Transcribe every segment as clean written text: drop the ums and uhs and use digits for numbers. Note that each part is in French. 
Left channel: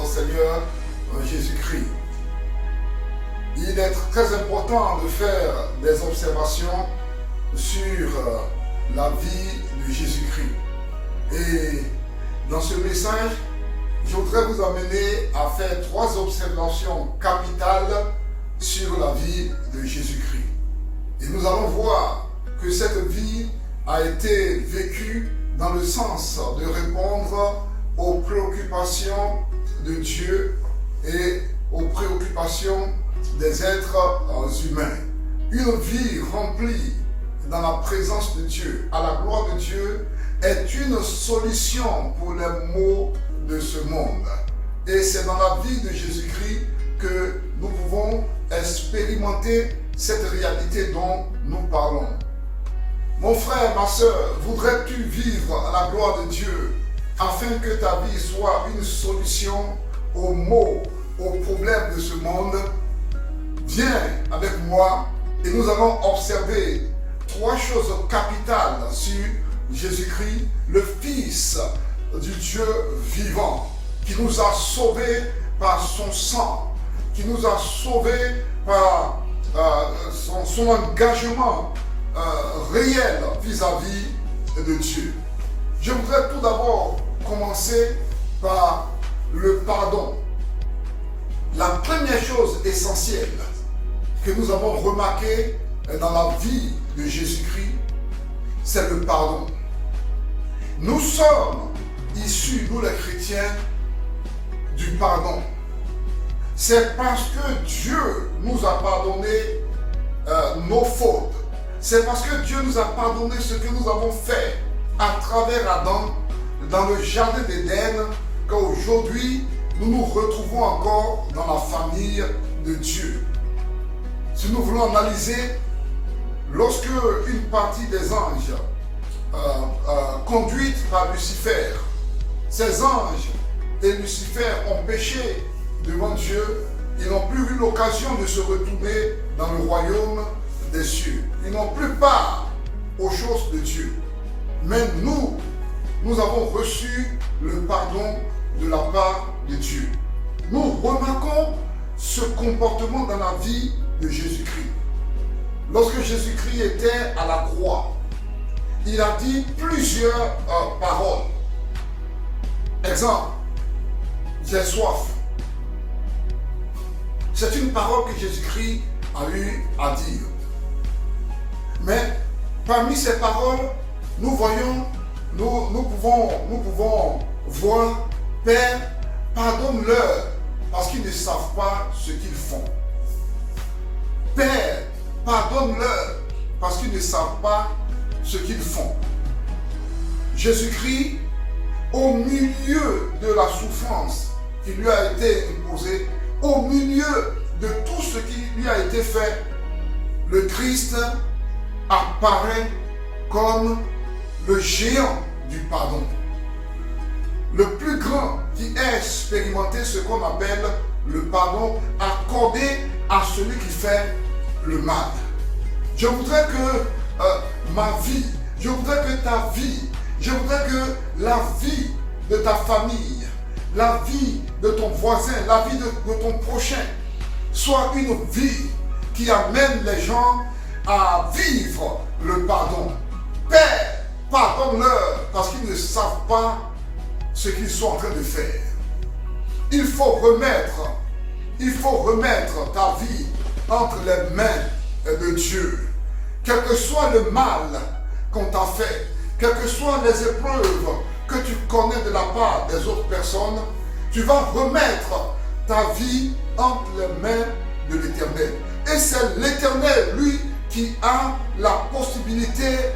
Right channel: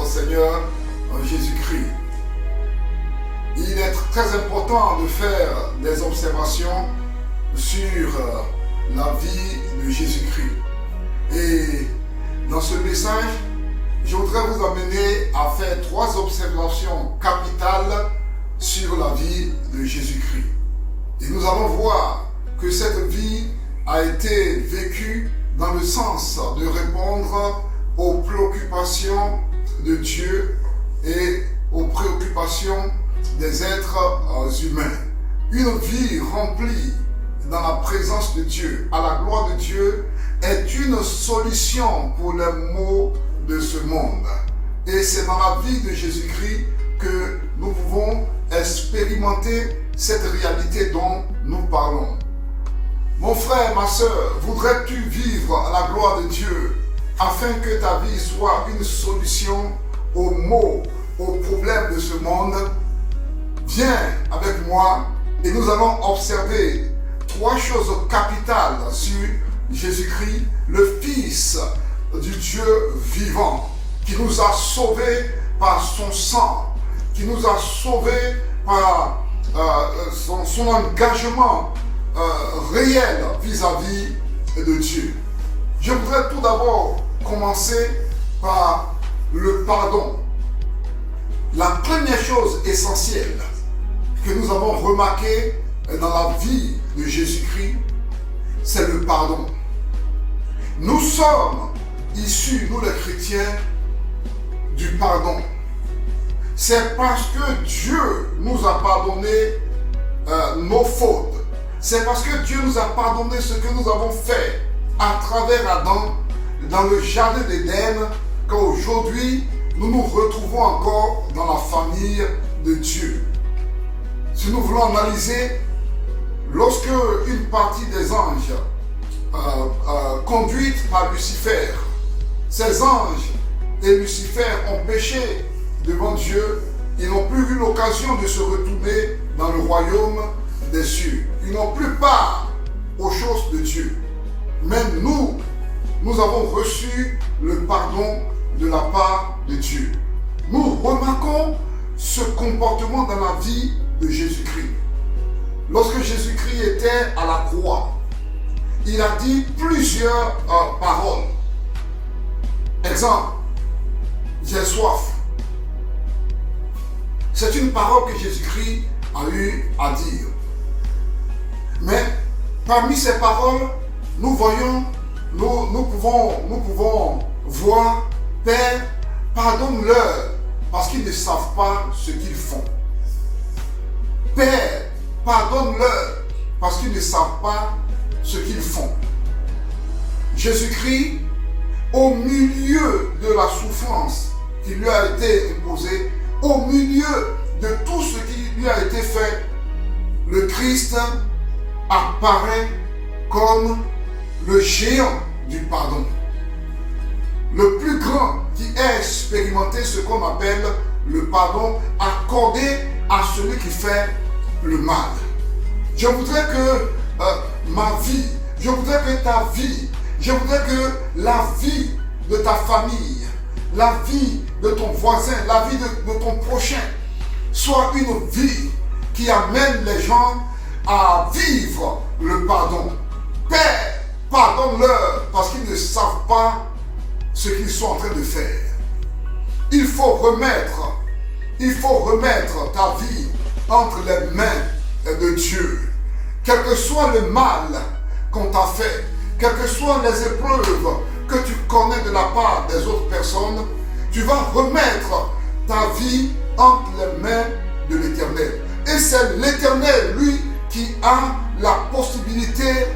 notre Seigneur Jésus-Christ. Il est très important de faire des observations sur la vie de Jésus-Christ. Et dans ce message, je voudrais vous amener à faire 3 observations capitales sur la vie de Jésus-Christ. Et nous allons voir que cette vie a été vécue dans le sens de répondre aux préoccupations de Dieu et aux préoccupations des êtres humains. Une vie remplie dans la présence de Dieu, à la gloire de Dieu, est une solution pour les maux de ce monde. Et c'est dans la vie de Jésus-Christ que nous pouvons expérimenter cette réalité dont nous parlons. Mon frère, ma soeur, voudrais-tu vivre à la gloire de Dieu afin que ta vie soit une solution aux maux, aux problèmes de ce monde? Viens avec moi et nous allons observer 3 choses capitales sur Jésus-Christ, le Fils du Dieu vivant, qui nous a sauvés par son sang, qui nous a sauvés par son engagement réel vis-à-vis de Dieu. Je voudrais tout d'abord commencer par le pardon. La première chose essentielle que nous avons remarquée dans la vie de Jésus-Christ, c'est le pardon. Nous sommes issus, nous les chrétiens, du pardon. C'est parce que Dieu nous a pardonné nos fautes. C'est parce que Dieu nous a pardonné ce que nous avons fait à travers Adam dans le jardin d'Éden qu'aujourd'hui nous nous retrouvons encore dans la famille de Dieu. Si nous voulons analyser, lorsque une partie des anges conduite par Lucifer, ces anges et Lucifer ont péché devant Dieu, ils n'ont plus eu l'occasion de se retourner dans le royaume des cieux. Ils n'ont plus part aux choses de Dieu. Mais nous avons reçu le pardon de la part de Dieu. Nous remarquons ce comportement dans la vie de Jésus-Christ. Lorsque Jésus-Christ était à la croix, il a dit plusieurs paroles. Exemple, j'ai soif. C'est une parole que Jésus-Christ a eu à dire. Mais parmi ces paroles, nous pouvons voir, Père, pardonne-leur parce qu'ils ne savent pas ce qu'ils font. Père, pardonne-leur parce qu'ils ne savent pas ce qu'ils font. Jésus-Christ, au milieu de la souffrance qui lui a été imposée, au milieu de tout ce qui lui a été fait, le Christ apparaît comme le géant du pardon. Le plus grand qui ait expérimenté ce qu'on appelle le pardon accordé à celui qui fait le mal. Je voudrais que ma vie, je voudrais que ta vie, je voudrais que la vie de ta famille, la vie de ton voisin, la vie de ton prochain soit une vie qui amène les gens à vivre le pardon. Père, pardonne-leur parce qu'ils ne savent pas ce qu'ils sont en train de faire. Il faut remettre ta vie entre les mains de Dieu. Quel que soit le mal qu'on t'a fait, quelles que soient les épreuves que tu connais de la part des autres personnes, tu vas remettre ta vie entre les mains de l'Éternel. Et c'est l'Éternel, lui, qui a la possibilité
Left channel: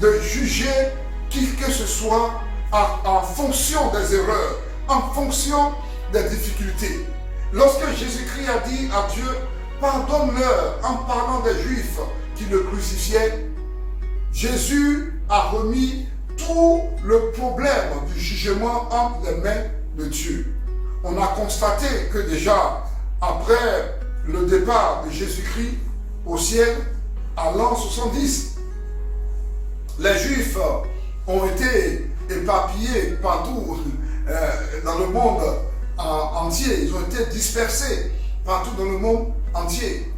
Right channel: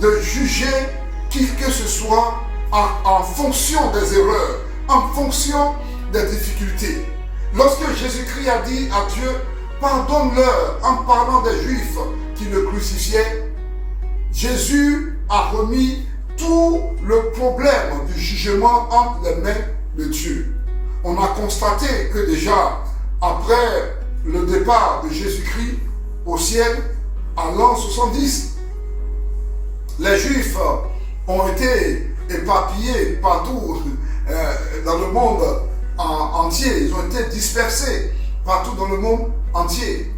de juger qui que ce soit en fonction des erreurs, en fonction des difficultés. Lorsque Jésus-Christ a dit à Dieu, pardonne-leur en parlant des Juifs qui le crucifiaient, Jésus a remis tout le problème du jugement entre les mains de Dieu. On a constaté que déjà, après le départ de Jésus-Christ au ciel, à l'an 70, les Juifs ont été éparpillés partout dans le monde entier. Ils ont été dispersés partout dans le monde entier.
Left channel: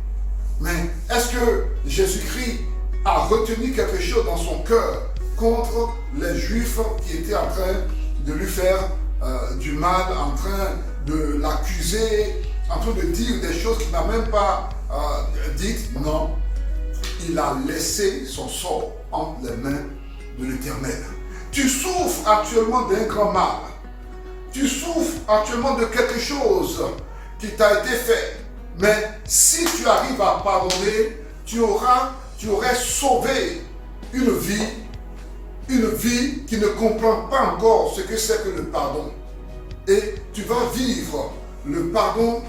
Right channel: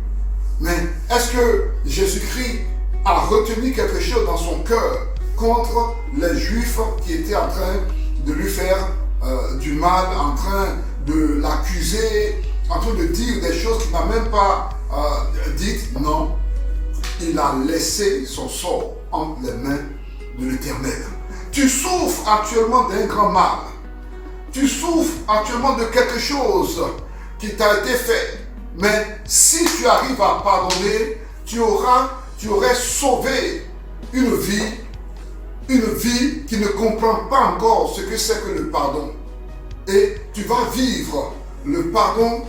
Mais est-ce que Jésus-Christ a retenu quelque chose dans son cœur contre les Juifs qui étaient en train de lui faire du mal, en train de l'accuser, en train de dire des choses qu'il n'a même pas dites? Non. Il a laissé son sort entre les mains de l'Éternel. Tu souffres actuellement d'un grand mal. Tu souffres actuellement de quelque chose qui t'a été fait. Mais si tu arrives à pardonner, tu aurais sauvé une vie qui ne comprend pas encore ce que c'est que le pardon. Et tu vas vivre le pardon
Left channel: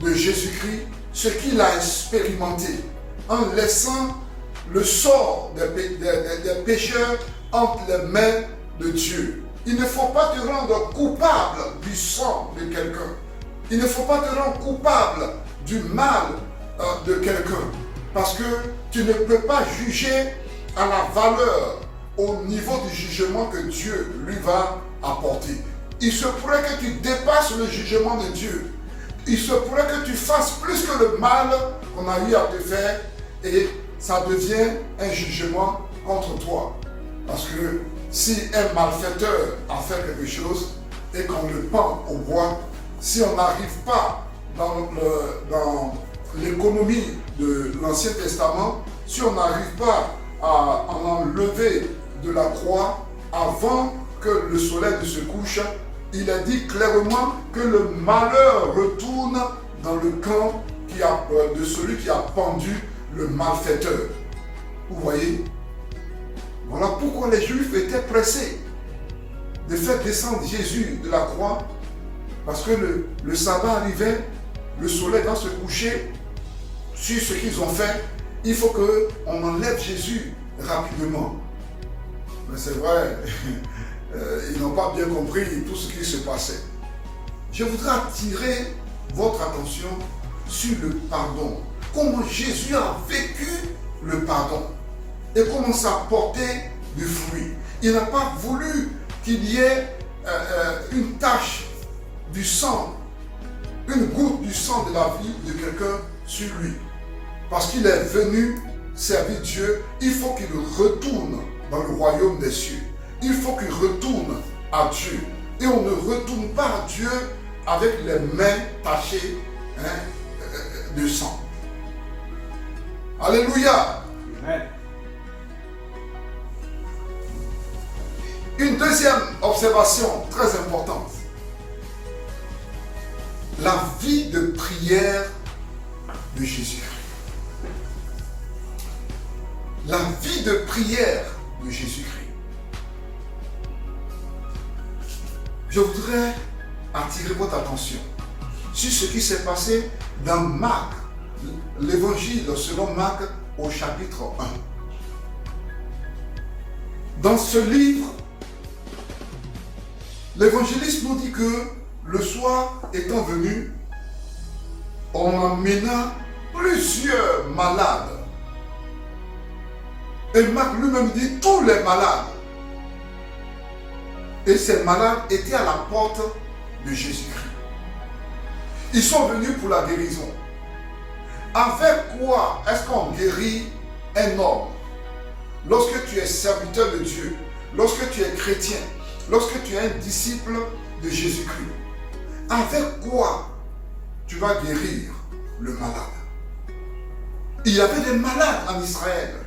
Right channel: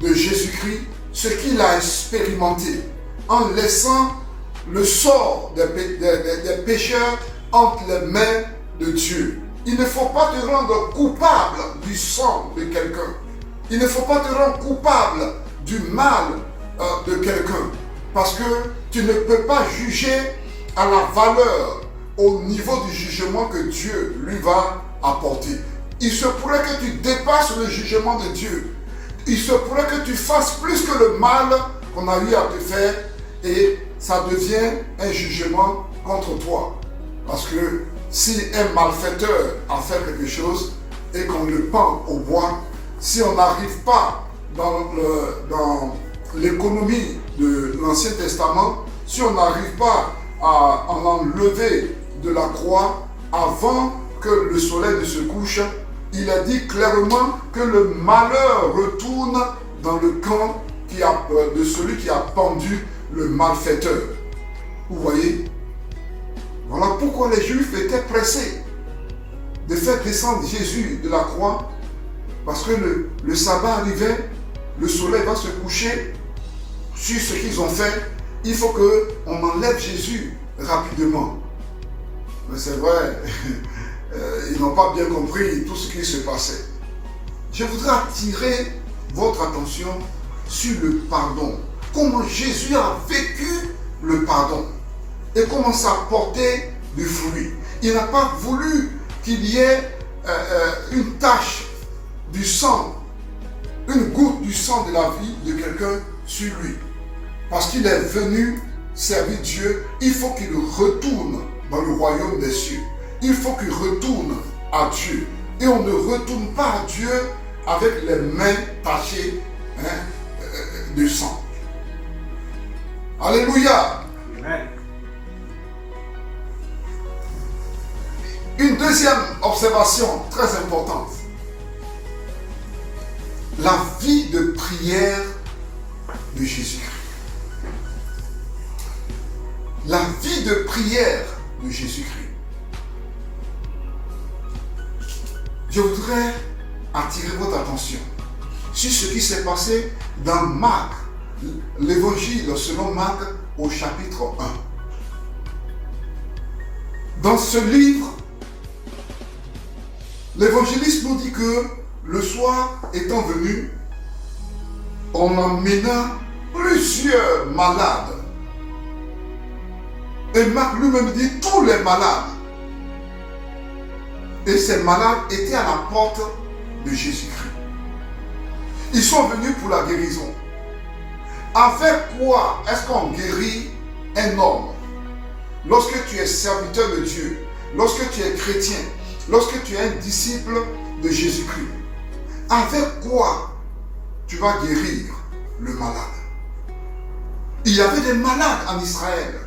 de Jésus-Christ, ce qu'il a expérimenté, en laissant le sort des pécheurs entre les mains de Dieu. Il ne faut pas te rendre coupable du sang de quelqu'un. Il ne faut pas te rendre coupable du mal de quelqu'un. Parce que tu ne peux pas juger à la valeur, au niveau du jugement que Dieu lui va apporter. Il se pourrait que tu dépasses le jugement de Dieu. Il se pourrait que tu fasses plus que le mal qu'on a eu à te faire et ça devient un jugement contre toi. Parce que si un malfaiteur a fait quelque chose et qu'on le pend au bois, si on n'arrive pas dans l'économie de l'Ancien Testament, si on n'arrive pas à en enlever de la croix avant que le soleil ne se couche, il a dit clairement que le malheur retourne dans le camp de celui qui a pendu le malfaiteur. Vous voyez? Voilà pourquoi les Juifs étaient pressés de faire descendre Jésus de la croix, parce que le sabbat arrivait, le soleil va se coucher sur ce qu'ils ont fait. Il faut qu'on enlève Jésus rapidement. Mais c'est vrai, ils n'ont pas bien compris tout ce qui se passait. Je voudrais attirer votre attention sur le pardon. Comment Jésus a vécu le pardon et comment ça a porté du fruit. Il n'a pas voulu qu'il y ait une tache du sang, une goutte du sang de la vie de quelqu'un sur lui. Parce qu'il est venu servir Dieu, il faut qu'il retourne dans le royaume des cieux. Il faut qu'il retourne à Dieu. Et on ne retourne pas à Dieu avec les mains tachées de sang. Alléluia. Amen. Une deuxième observation très importante. La vie de prière de Jésus-Christ. La vie de prière de Jésus-Christ. Je voudrais attirer votre attention sur ce qui s'est passé dans Marc, l'évangile selon Marc au chapitre 1. Dans ce livre, l'évangéliste nous dit que le soir étant venu, on emmena plusieurs malades. Et Marc lui-même dit tous les malades. Et ces malades étaient à la porte de Jésus-Christ. Ils sont venus pour la guérison. Avec quoi est-ce qu'on guérit un homme? Lorsque tu es serviteur de Dieu, lorsque tu es chrétien, lorsque tu es un disciple de Jésus-Christ, avec quoi tu vas guérir le malade? Il y avait des malades en Israël,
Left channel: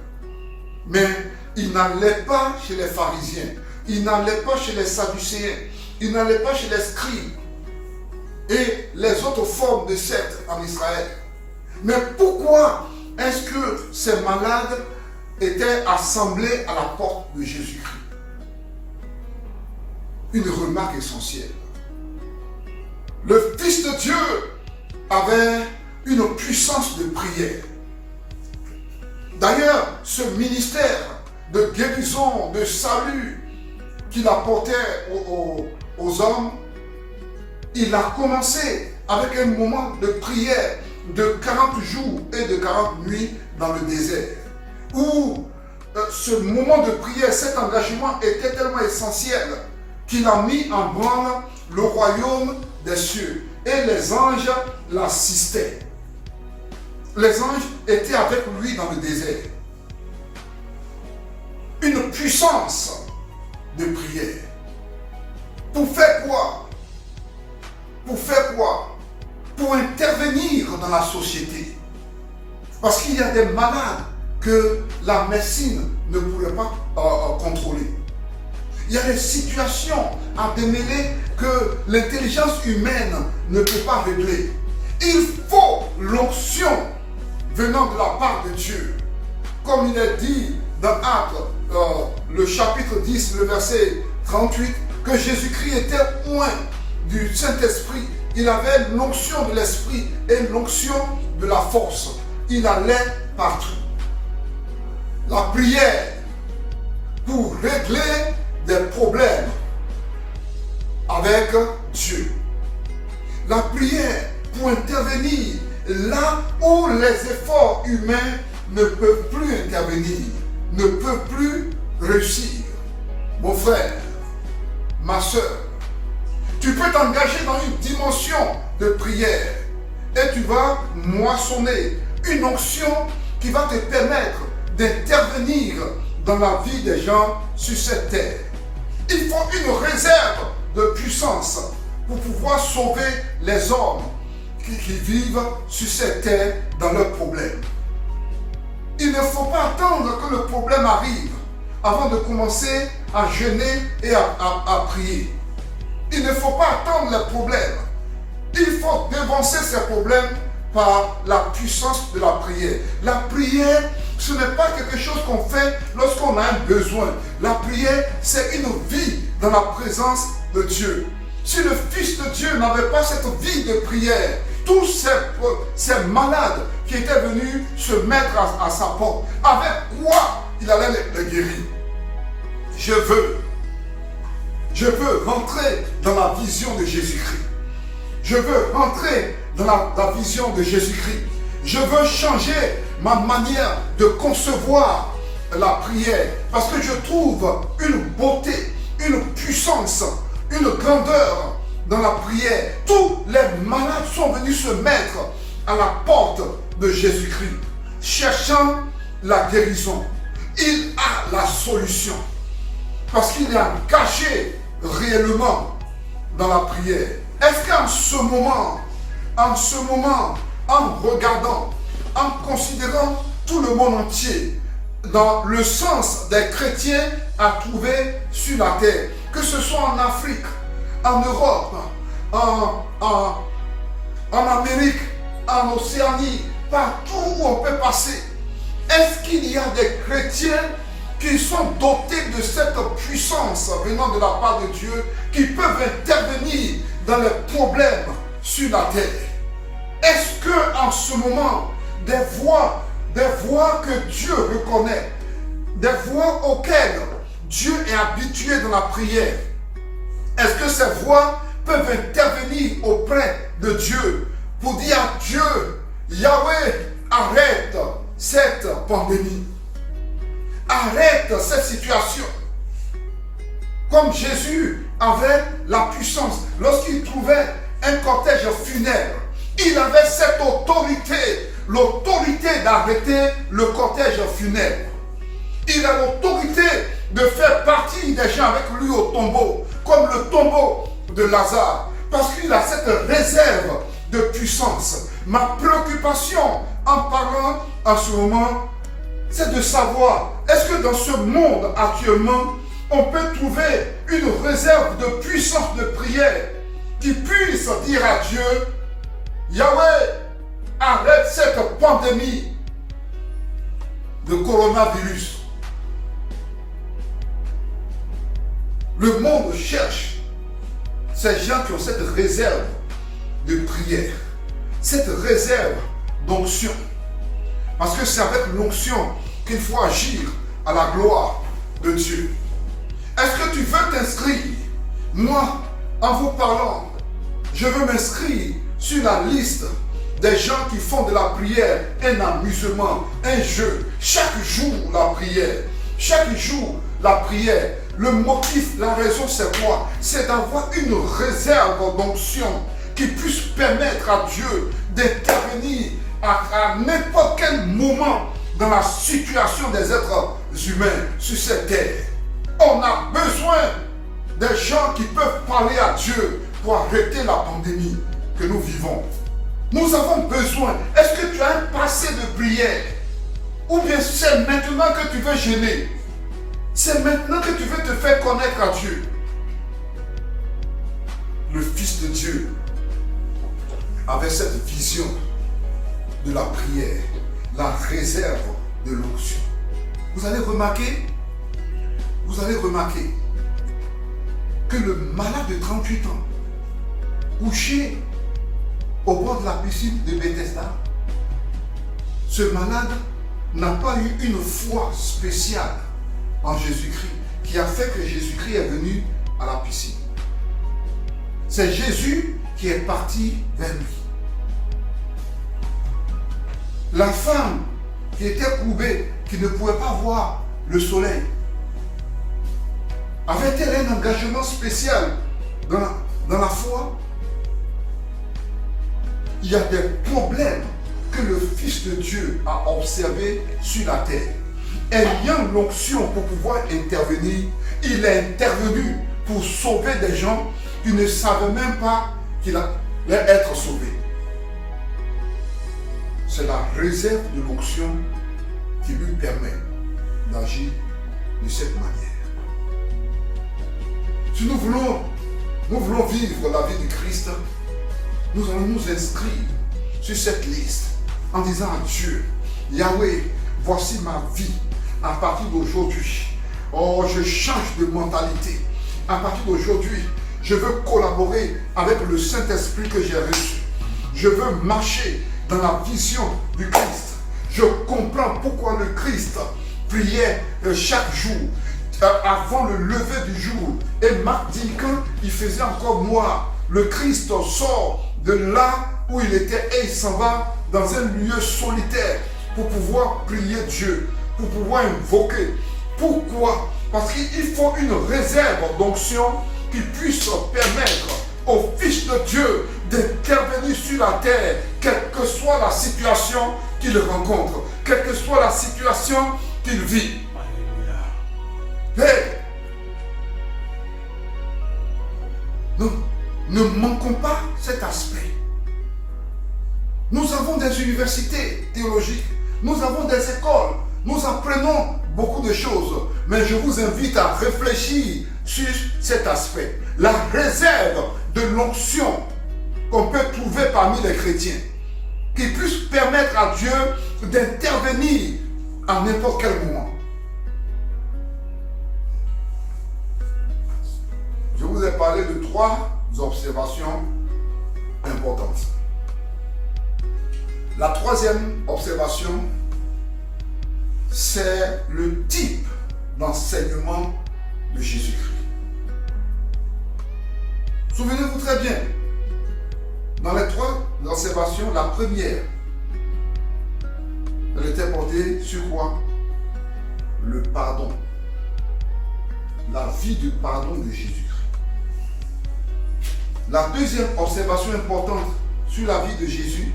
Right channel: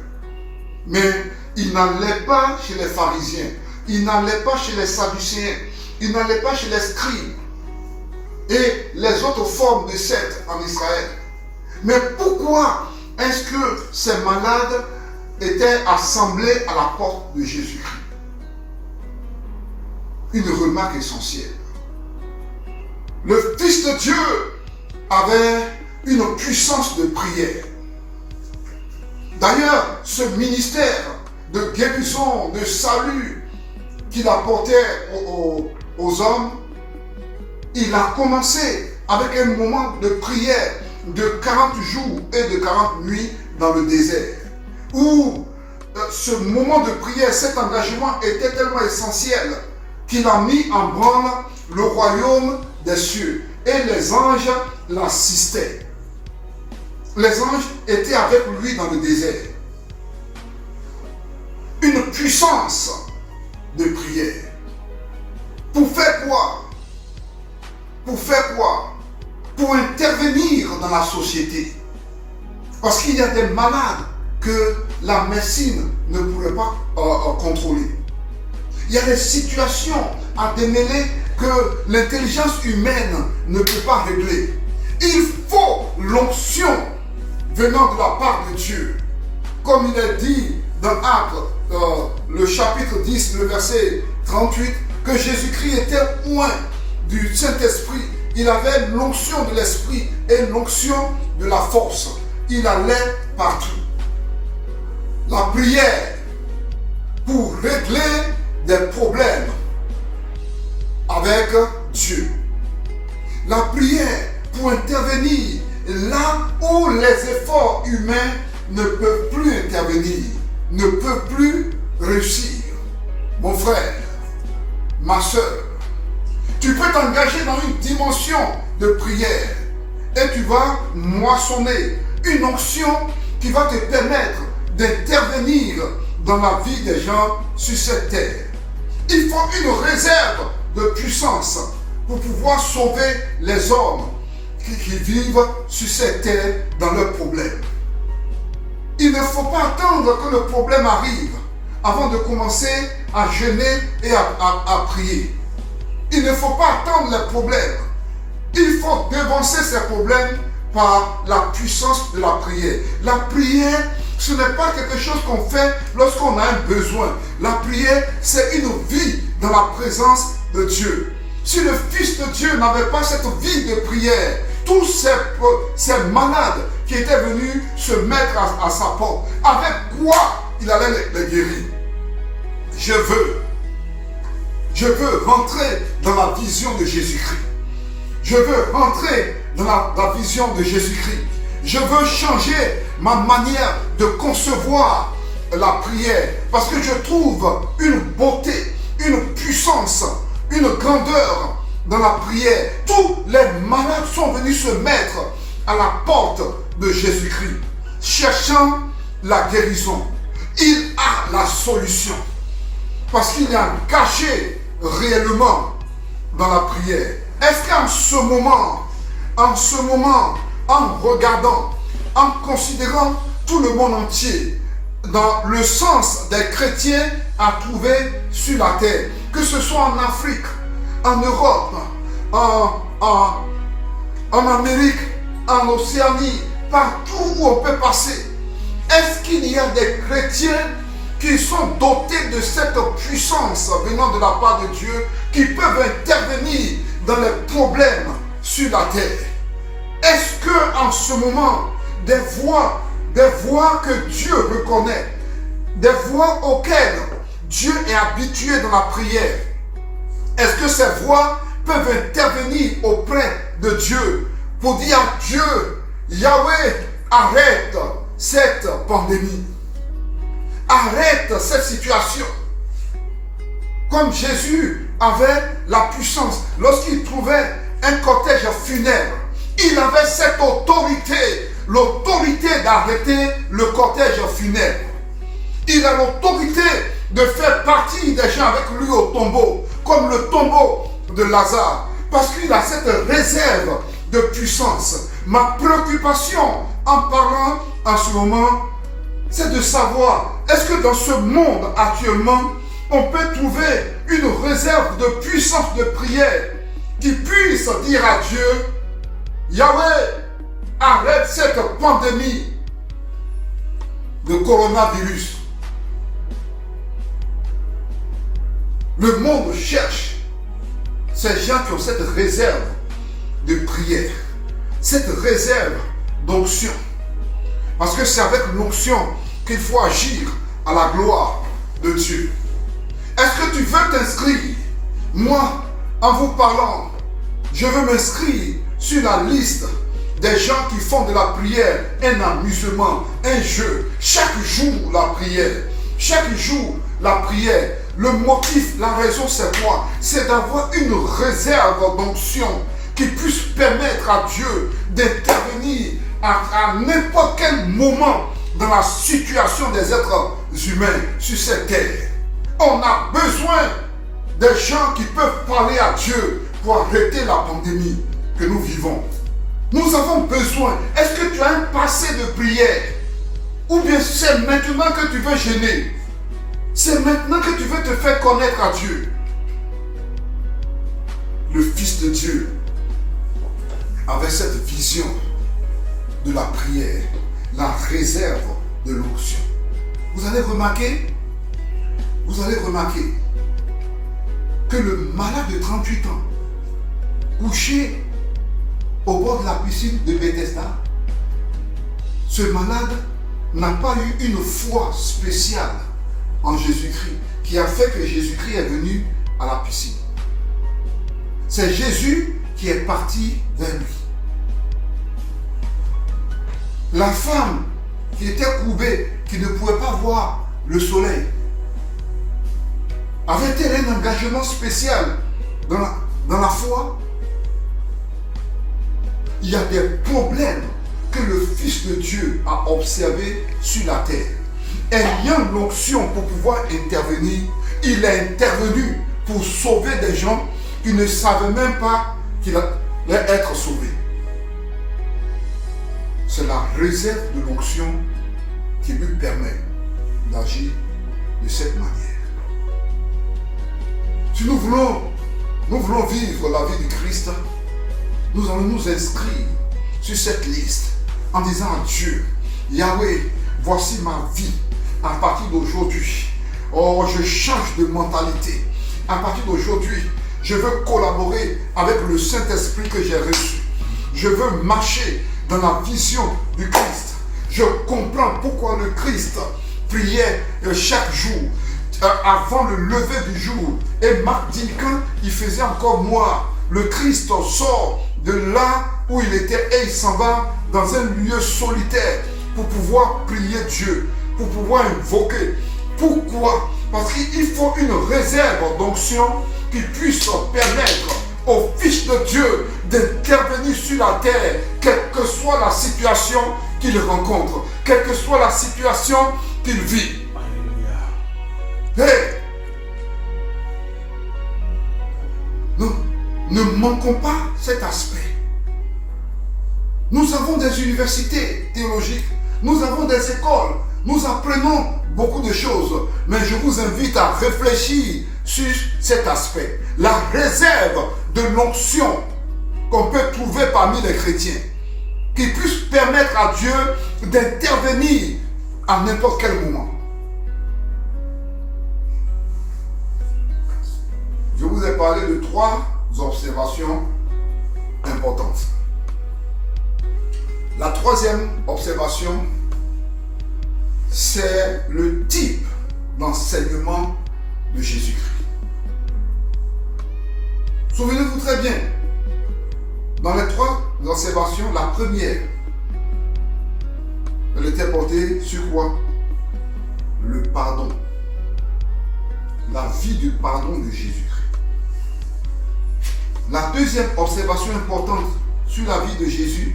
mais ils n'allaient pas chez les pharisiens, ils n'allaient pas chez les sadducéens, ils n'allaient pas chez les scribes et les autres formes de sectes en Israël. Mais pourquoi est-ce que ces malades étaient assemblés à la porte de Jésus-Christ? Une remarque essentielle. Le Fils de Dieu avait une puissance de prière. D'ailleurs, ce ministère de guérison, de salut qu'il apportait aux hommes, il a commencé avec un moment de prière de 40 jours et de 40 nuits dans le désert, où ce moment de prière, cet engagement était tellement essentiel qu'il a mis en branle le royaume des cieux et les anges l'assistaient. Les anges étaient avec lui dans le désert. Une puissance de prière. Pour faire quoi? Pour faire quoi? Pour intervenir dans la société. Parce qu'il y a des malades que la médecine ne pourrait pas contrôler. Il y a des situations à démêler que l'intelligence humaine ne peut pas régler. Il faut l'onction venant de la part de Dieu. Comme il est dit dans Actes, le chapitre 10, le verset 38, que Jésus-Christ était loin du Saint-Esprit. Il avait l'onction de l'Esprit et l'onction de la force. Il allait partout. La prière pour régler des problèmes avec Dieu. La prière pour intervenir là où les efforts humains ne peuvent plus intervenir, ne peuvent plus réussir. Mon frère, ma soeur, tu peux t'engager dans une dimension de prière et tu vas moissonner une onction qui va te permettre d'intervenir dans la vie des gens sur cette terre. Il faut une réserve de puissance pour pouvoir sauver les hommes qui vivent sur cette terre dans leurs problèmes. Il ne faut pas attendre que le problème arrive avant de commencer à jeûner et à prier. Il ne faut pas attendre les problèmes. Il faut devancer ces problèmes par la puissance de la prière. La prière, ce n'est pas quelque chose qu'on fait lorsqu'on a un besoin. La prière, c'est une vie dans la présence de Dieu. Si le Fils de Dieu n'avait pas cette vie de prière, tous ces malades qui étaient venus se mettre à sa porte, avec quoi il allait les guérir? Je veux rentrer dans la vision de Jésus-Christ. Je veux rentrer dans la vision de Jésus-Christ. Je veux changer ma manière de concevoir la prière parce que je trouve une beauté, une puissance, une grandeur dans la prière. Tous les malades sont venus se mettre à la porte de Jésus-Christ, cherchant la guérison. Il a la solution parce qu'il est engagé réellement dans la prière. Est-ce qu'en ce moment, en regardant, en considérant tout le monde entier, dans le sens des chrétiens à trouver sur la terre, que ce soit en Afrique, en Europe, en Amérique, en Océanie, partout où on peut passer, est-ce qu'il y a des chrétiens qui sont dotés de cette puissance venant de la part de Dieu, qui peuvent intervenir dans les problèmes sur la terre? Est-ce que en ce moment, des voix que Dieu reconnaît, des voix auxquelles Dieu est habitué dans la prière, est-ce que ces voix peuvent intervenir auprès de Dieu pour dire à Dieu, Yahweh, arrête cette pandémie, arrête cette situation? Comme Jésus avait la puissance, lorsqu'il trouvait un cortège funèbre, il avait cette autorité, l'autorité d'arrêter le cortège funèbre. Il a l'autorité de faire partie des gens avec lui au tombeau, comme le tombeau de Lazare, parce qu'il a cette réserve de puissance. Ma préoccupation en parlant en ce moment, c'est de savoir, est-ce que dans ce monde actuellement, on peut trouver une réserve de puissance de prière qui puisse dire à Dieu, Yahweh, arrête cette pandémie de coronavirus. Le monde cherche ces gens qui ont cette réserve de prière, cette réserve d'onction. Parce que c'est avec l'onction qu'il faut agir à la gloire de Dieu. Est-ce que tu veux t'inscrire? Moi, en vous parlant, je veux m'inscrire sur la liste des gens qui font de la prière un amusement, un jeu. Chaque jour, la prière. Chaque jour, la prière. Le motif, la raison, c'est quoi? C'est d'avoir une réserve d'onction qui puisse permettre à Dieu d'intervenir à n'importe quel moment dans la situation des êtres humains sur cette terre. On a besoin des gens qui peuvent parler à Dieu pour arrêter la pandémie que nous vivons. Nous avons besoin. Est-ce que tu as un passé de prière? Ou bien c'est maintenant que tu veux gêner? C'est maintenant que tu veux te faire connaître à Dieu. Le Fils de Dieu avait cette vision de la prière, la réserve de l'onction. Vous allez remarquer que le malade de 38 ans, couché au bord de la piscine de Bethesda, ce malade n'a pas eu une foi spéciale en Jésus-Christ qui a fait que Jésus-Christ est venu à la piscine. C'est Jésus qui est parti vers lui. La femme qui était courbée, qui ne pouvait pas voir le soleil, avait-elle un engagement spécial dans la foi? Il y a des problèmes que le Fils de Dieu a observés sur la terre. Ayant l'onction pour pouvoir intervenir, il est intervenu pour sauver des gens qui ne savaient même pas qu'il allait être sauvé. C'est la réserve de l'onction qui lui permet d'agir de cette manière. Si nous voulons vivre la vie de Christ, nous allons nous inscrire sur cette liste en disant à Dieu, Yahweh, voici ma vie à partir d'aujourd'hui. Oh, je change de mentalité. À partir d'aujourd'hui, je veux collaborer avec le Saint-Esprit que j'ai reçu. Je veux marcher dans la vision du Christ. Je comprends pourquoi le Christ priait chaque jour avant le lever du jour. Et Marc dit qu'il faisait encore noir. Le Christ sort de là où il était et il s'en va dans un lieu solitaire pour pouvoir prier Dieu, pour pouvoir invoquer. Pourquoi? Parce qu'il faut une réserve d'onction qui puisse permettre au Fils de Dieu d'intervenir sur la terre, quelle que soit la situation qu'il rencontre, quelle que soit la situation qu'il vit. Hey! Nous ne manquons pas cet aspect. Nous avons des universités théologiques, nous avons des écoles, nous apprenons beaucoup de choses, mais je vous invite à réfléchir sur cet aspect. La réserve de l'onction qu'on peut trouver parmi les chrétiens, qui puisse permettre à Dieu d'intervenir à n'importe quel moment. Je vous ai parlé de 3 observations importantes. La 3e observation, c'est le type d'enseignement de Jésus-Christ. Souvenez-vous très bien, dans les 3 observations, la première, elle était portée sur quoi? Le pardon. La vie du pardon de Jésus-Christ. La 2e observation importante sur la vie de Jésus,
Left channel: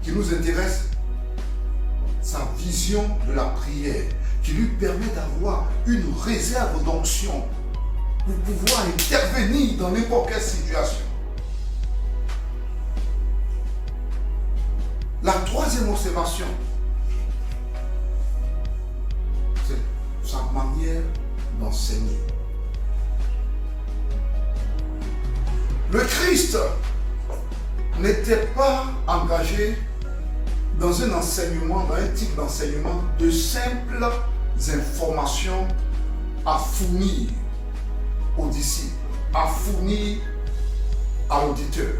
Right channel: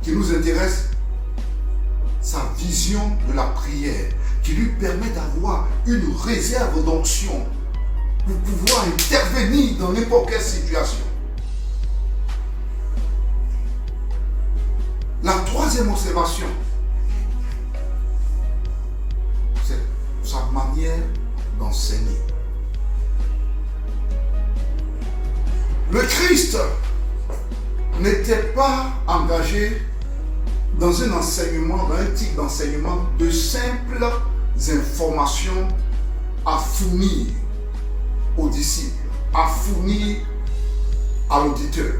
qui nous intéresse, sa vision de la prière, qui lui permet d'avoir une réserve d'onction pour pouvoir intervenir dans n'importe quelle situation. La 3e observation, c'est sa manière d'enseigner. Le Christ n'était pas engagé dans un enseignement, dans un type d'enseignement de simples informations à fournir aux disciples, à fournir à l'auditeur.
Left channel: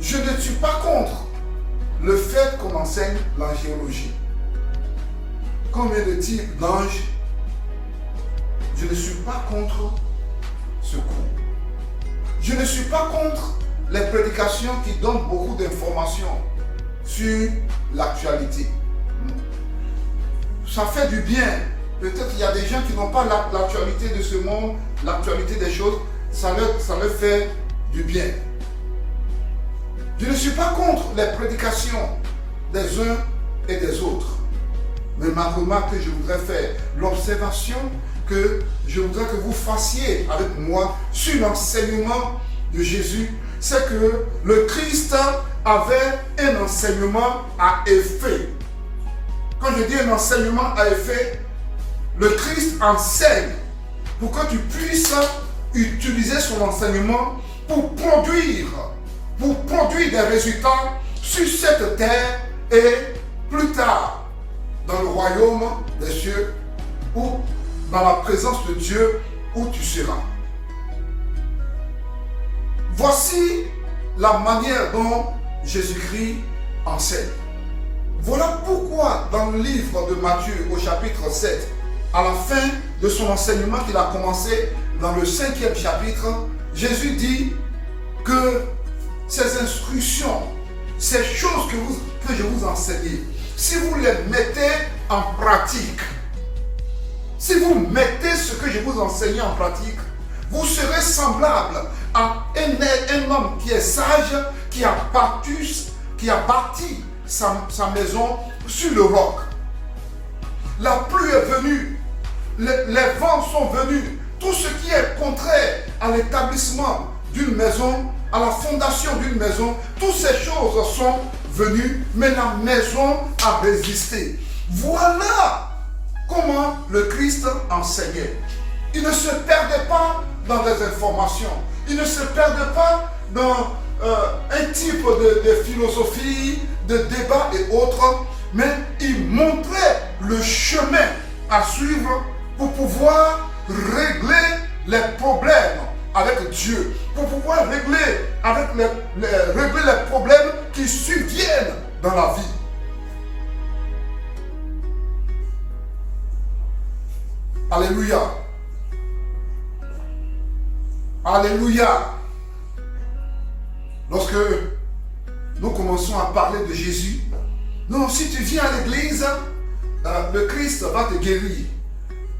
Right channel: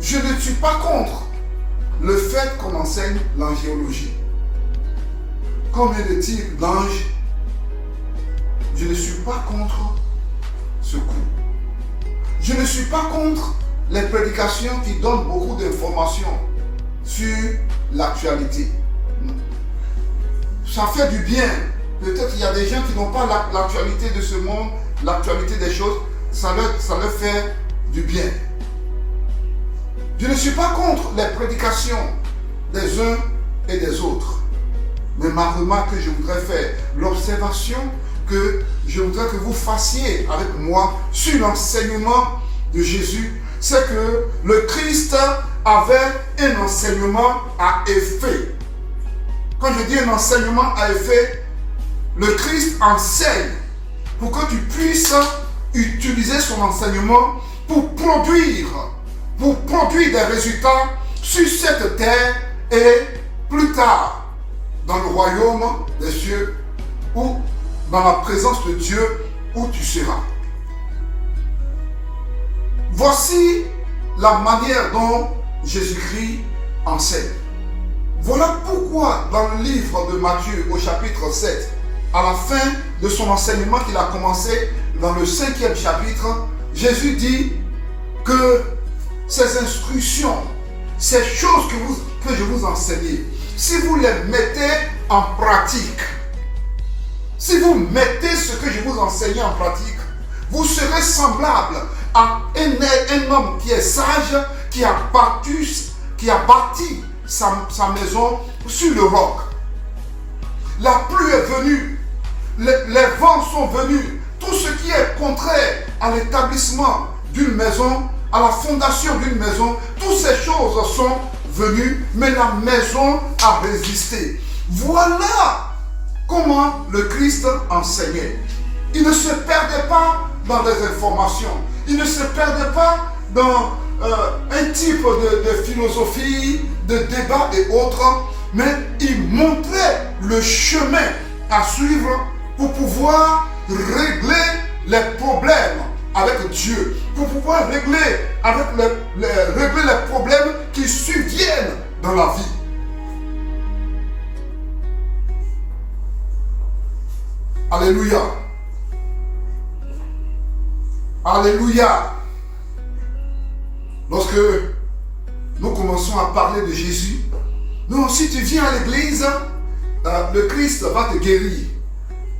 Je ne suis pas contre le fait qu'on enseigne l'angéologie. Combien de types d'anges? Je ne suis pas contre ce cours. Je ne suis pas contre les prédications qui donnent beaucoup d'informations sur l'actualité. Ça fait du bien peut-être il y a des gens qui n'ont pas l'actualité de ce monde, l'actualité des choses, ça leur fait du bien. Je ne suis pas contre les prédications des uns et des autres. Mais ma remarque que je voudrais faire, l'observation que je voudrais que vous fassiez avec moi sur l'enseignement de Jésus, c'est que le Christ avait un enseignement à effet. Quand je dis un enseignement à effet, le Christ enseigne pour que tu puisses utiliser son enseignement pour produire des résultats sur cette terre et plus tard dans le royaume des cieux ou dans la présence de Dieu où tu seras. Voici la manière dont Jésus-Christ enseigne. Voilà pourquoi dans le livre de Matthieu au chapitre 7, à la fin de son enseignement qu'il a commencé dans le 5e chapitre, Jésus dit que ces instructions, ces choses que je vous enseigne, si vous les mettez en pratique, si vous mettez ce que je vous enseigne en pratique, vous serez semblable à un homme qui est sage, qui a bâti sa maison sur le roc. La pluie est venue, les vents sont venus, tout ce qui est contraire à l'établissement d'une maison, à la fondation d'une maison, toutes ces choses sont venues, mais la maison a résisté. Voilà comment le Christ enseignait. Il ne se perdait pas dans des informations, il ne se perdait pas dans un type de philosophie, de débat et autres, mais il montrait le chemin à suivre pour pouvoir régler les problèmes avec Dieu, pour pouvoir régler les problèmes qui surviennent dans la vie. Alléluia. Alléluia. Lorsque nous commençons à parler de Jésus, non, si tu viens à l'église, le Christ va te guérir.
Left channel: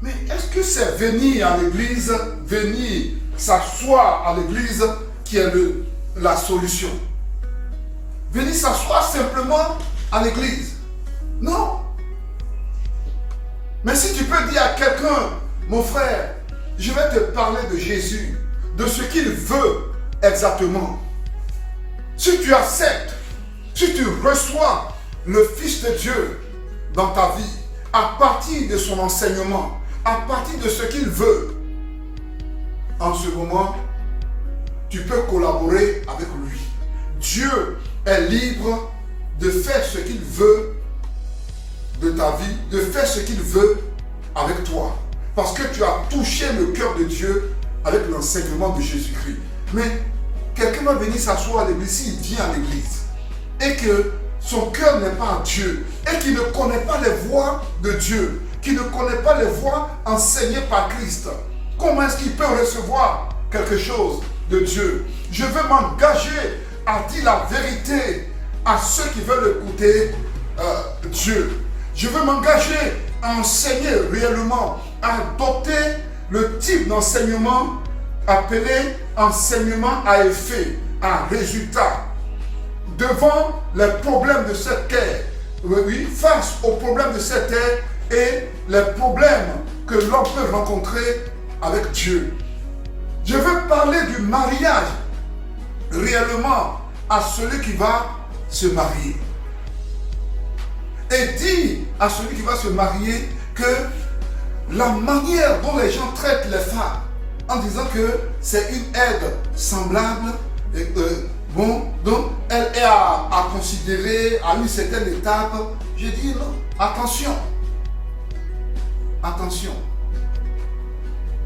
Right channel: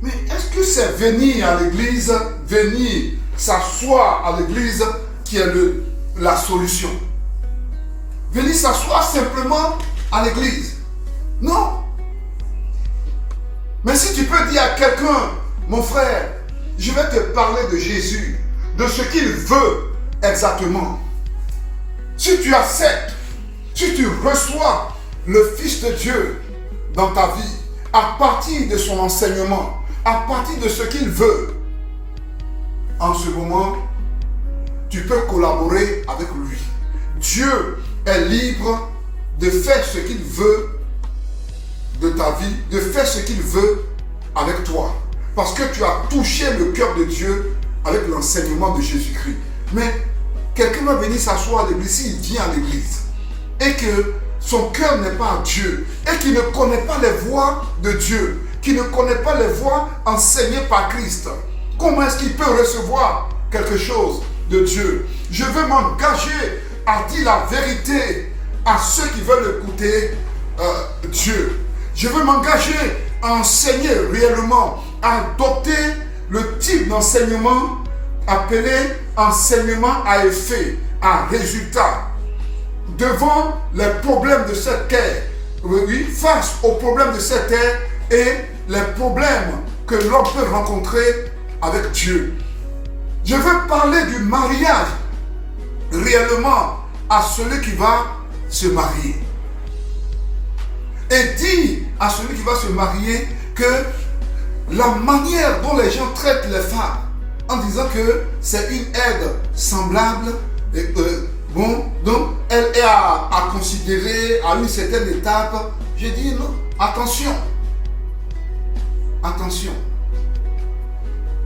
Mais est-ce que c'est venir à l'église, venir s'asseoir à l'église qui est la solution? Venir s'asseoir simplement à l'église? Non. Mais si tu peux dire à quelqu'un, mon frère, je vais te parler de Jésus, de ce qu'il veut exactement. Si tu acceptes, si tu reçois le Fils de Dieu dans ta vie, à partir de son enseignement, à partir de ce qu'il veut, en ce moment, tu peux collaborer avec lui. Dieu est libre de faire ce qu'il veut de ta vie, de faire ce qu'il veut avec toi. Parce que tu as touché le cœur de Dieu avec l'enseignement de Jésus-Christ. Mais quelqu'un va venir s'asseoir à l'église, s'il vient à l'église, et que son cœur n'est pas à Dieu, et qu'il ne connaît pas les voies de Dieu, qu'il ne connaît pas les voies enseignées par Christ, comment est-ce qu'il peut recevoir quelque chose de Dieu? Je veux m'engager à dire la vérité à ceux qui veulent écouter Dieu. Je veux m'engager à enseigner réellement, à adopter le type d'enseignement appelé enseignement à effet, à résultat. Devant les problèmes de cette terre, oui, face aux problèmes de cette terre et les problèmes que l'homme peut rencontrer avec Dieu. Je veux parler du mariage réellement à celui qui va se marier. Et dire à celui qui va se marier que la manière dont les gens traitent les femmes, en disant que c'est une aide semblable, donc elle est à considérer à une certaine étape. J'ai dit non, attention. Attention.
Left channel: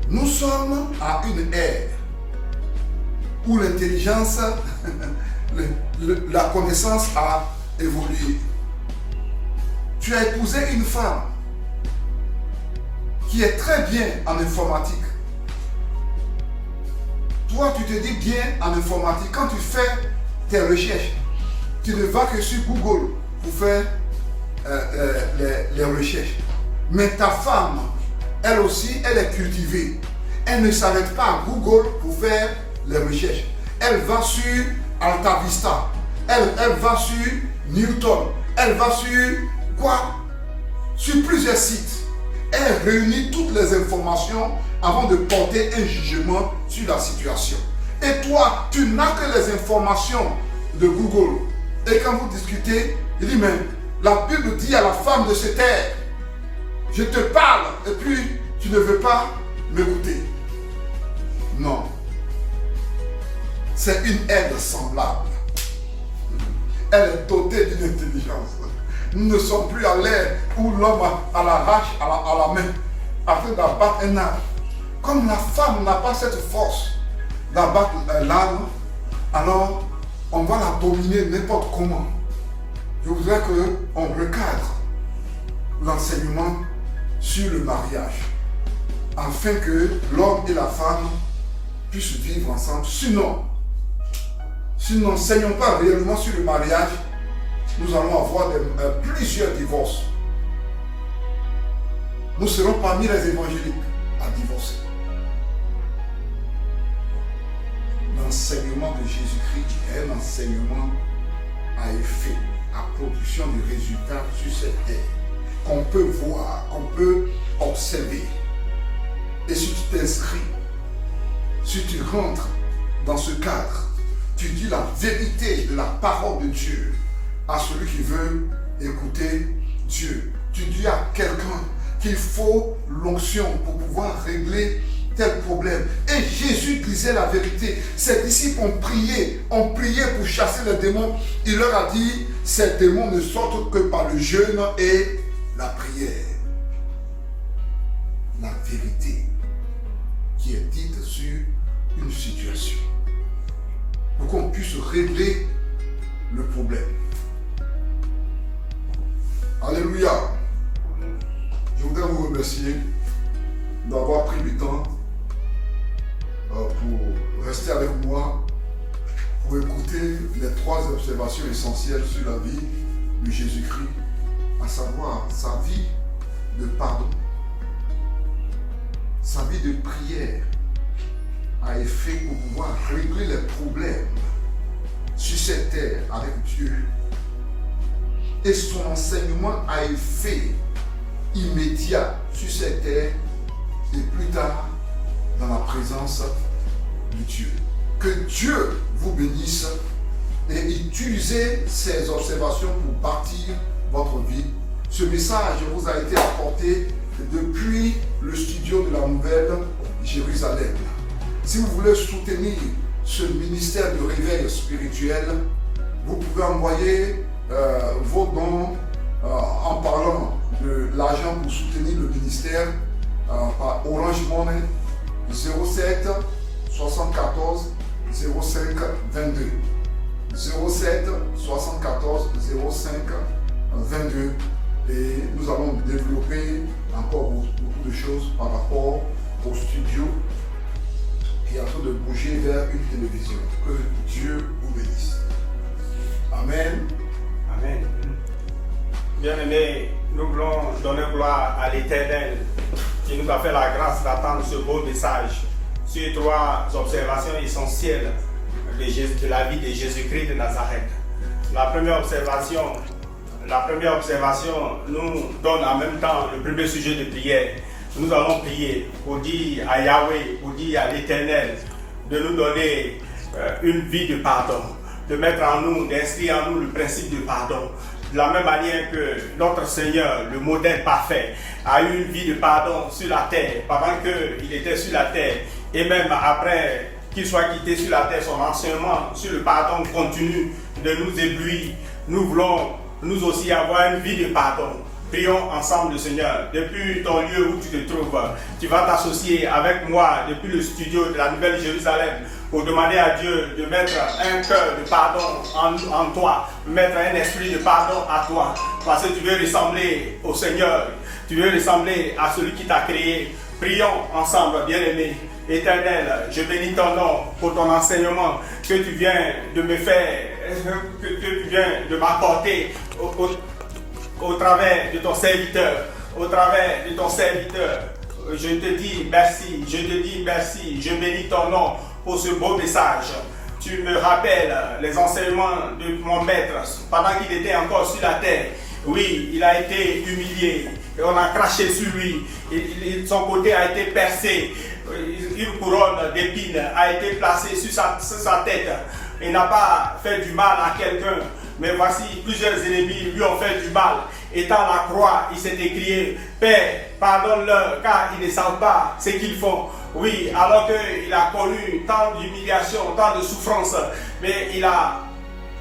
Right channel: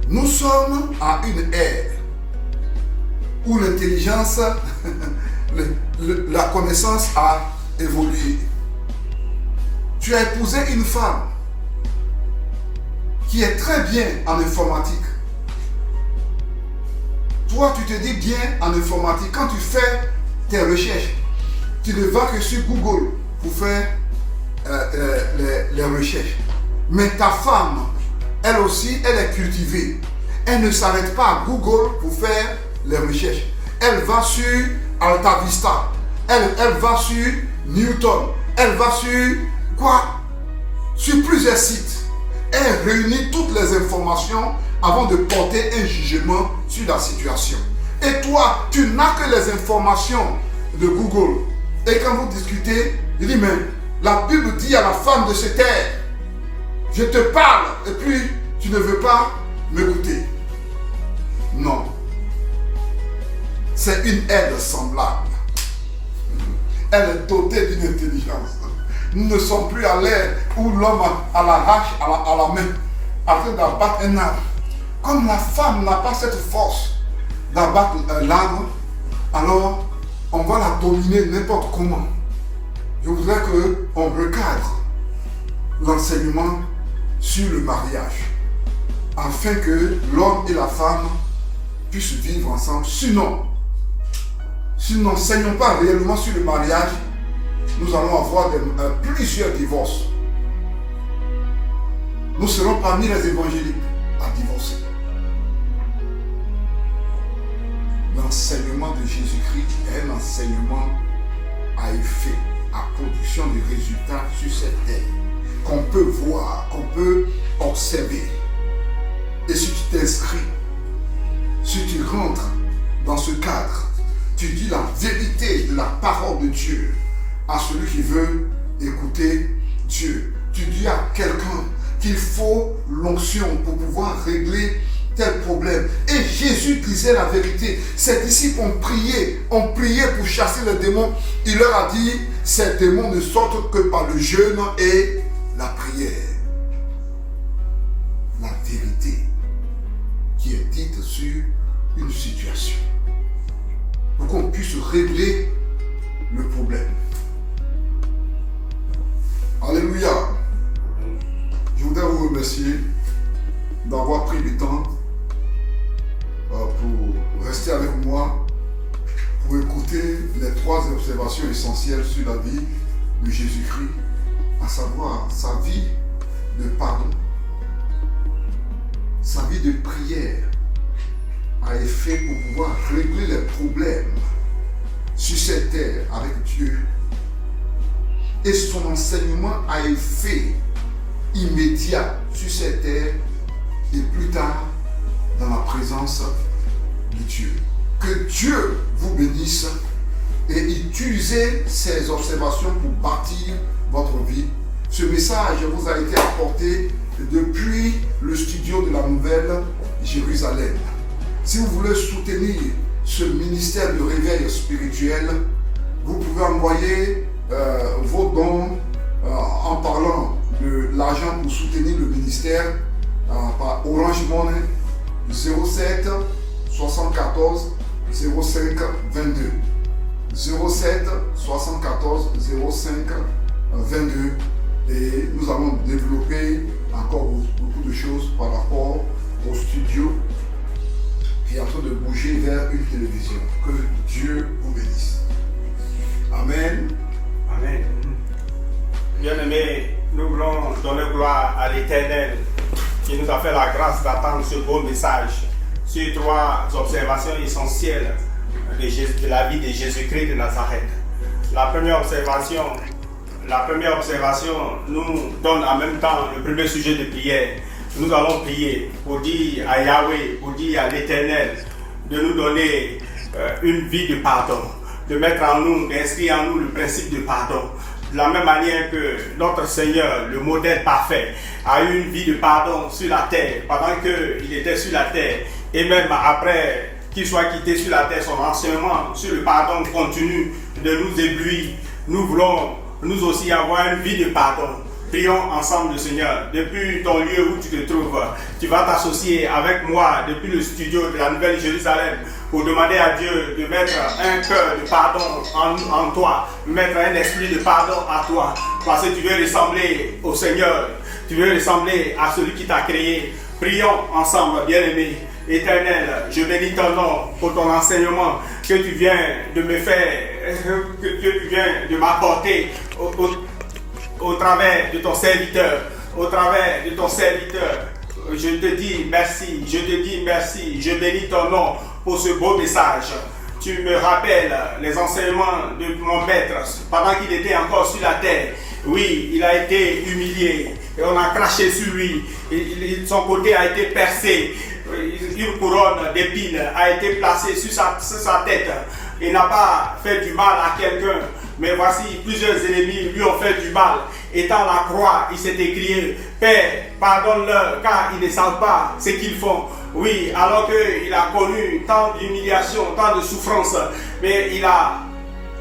Nous sommes à une ère où l'intelligence, la connaissance a évolué. Tu as épousé une femme qui est très bien en informatique. Toi, tu te dis bien en informatique. Quand tu fais tes recherches, tu ne vas que sur Google pour faire les recherches. Mais ta femme elle aussi, elle est cultivée. Elle ne s'arrête pas à Google pour faire les recherches. Elle va sur Alta Vista. Elle va sur Newton. Elle va sur quoi? Sur plusieurs sites. Elle réunit toutes les informations avant de porter un jugement sur la situation. Et toi, tu n'as que les informations de Google. Et quand vous discutez, il dit, mais la Bible dit à la femme de cette terre, je te parle, et puis tu ne veux pas m'écouter. Non. C'est une aide semblable. Elle est dotée d'une intelligence. Nous ne sommes plus à l'ère où l'homme a la hache à la main, afin d'abattre un arbre. Comme la femme n'a pas cette force d'abattre l'arbre, alors on va la dominer n'importe comment. Je voudrais qu'on recadre l'enseignement sur le mariage, afin que l'homme et la femme puissent vivre ensemble. Sinon, si nous n'enseignons pas réellement sur le mariage, nous allons avoir plusieurs divorces. Nous serons parmi les évangéliques à divorcer. L'enseignement de Jésus-Christ est un enseignement à effet, à production de résultats sur cette terre, qu'on peut voir, qu'on peut observer. Et si tu t'inscris, si tu rentres dans ce cadre, tu dis la vérité de la parole de Dieu à celui qui veut écouter Dieu. Tu dis à quelqu'un qu'il faut l'onction pour pouvoir régler tel problème. Et Jésus disait la vérité. Ses disciples ont prié pour chasser les démons. Il leur a dit, ces démons ne sortent que par le jeûne et la prière. La vérité qui est dite sur une situation, pour qu'on puisse régler le problème. Alléluia. Je voudrais vous remercier d'avoir pris du temps pour rester avec moi, pour écouter les 3 observations essentielles sur la vie de Jésus-Christ, à savoir sa vie de pardon, sa vie de prière, à effet pour pouvoir régler les problèmes sur cette terre avec Dieu, et son enseignement a effet immédiat sur cette terre et plus tard dans la présence de Dieu. Que Dieu vous bénisse et utilisez ces observations pour bâtir votre vie. Ce message vous a été apporté depuis le studio de la Nouvelle Jérusalem. Si vous voulez soutenir ce ministère de réveil spirituel, vous pouvez envoyer vos dons en parlant de l'argent pour soutenir le ministère par Orange Money 07 74 05 22 07 74 05 22 et nous allons développer encore beaucoup de choses par rapport au studio qui est en train de bouger vers une télévision. Que Dieu vous bénisse. Amen. Amen. Bien-aimés, nous voulons donner gloire à l'Éternel qui nous a fait la grâce d'attendre ce beau message sur 3 observations essentielles de la vie de Jésus-Christ de Nazareth. La première observation nous donne en même temps le premier sujet de prière. Nous allons prier pour dire à Yahweh, pour dire à l'Éternel de nous donner une vie de pardon, de mettre en nous, d'inscrire en nous le principe de pardon. De la même manière que notre Seigneur, le modèle parfait, a eu une vie de pardon sur la terre pendant qu'il était sur la terre et même après qu'il soit quitté sur la terre, son enseignement sur le pardon continue de nous éblouir. Nous voulons nous aussi avoir une vie de pardon. Prions ensemble le Seigneur. Depuis ton lieu où tu te trouves, tu vas t'associer avec moi depuis le studio de la Nouvelle Jérusalem pour demander à Dieu de mettre un cœur de pardon en toi, mettre un esprit de pardon à toi, parce que tu veux ressembler au Seigneur, tu veux ressembler à celui qui t'a créé. Prions ensemble, bien-aimés. Éternel, je bénis ton nom pour ton enseignement que tu viens de me faire, que tu viens de m'apporter au travers de ton serviteur, je te dis merci, je te dis merci, je bénis ton nom pour ce beau message. Tu me rappelles les enseignements de mon maître pendant qu'il était encore sur la terre. Oui, il a été humilié et on a craché sur lui. Son côté a été percé. Une couronne d'épines a été placée sur sa tête. Il n'a pas fait du mal à quelqu'un, mais voici plusieurs ennemis lui ont fait du mal. Étant à la croix, il s'est écrié: Père, pardonne-leur, car ils ne savent pas ce qu'ils font. Oui, alors qu'il a connu tant d'humiliation, tant de souffrance, mais il a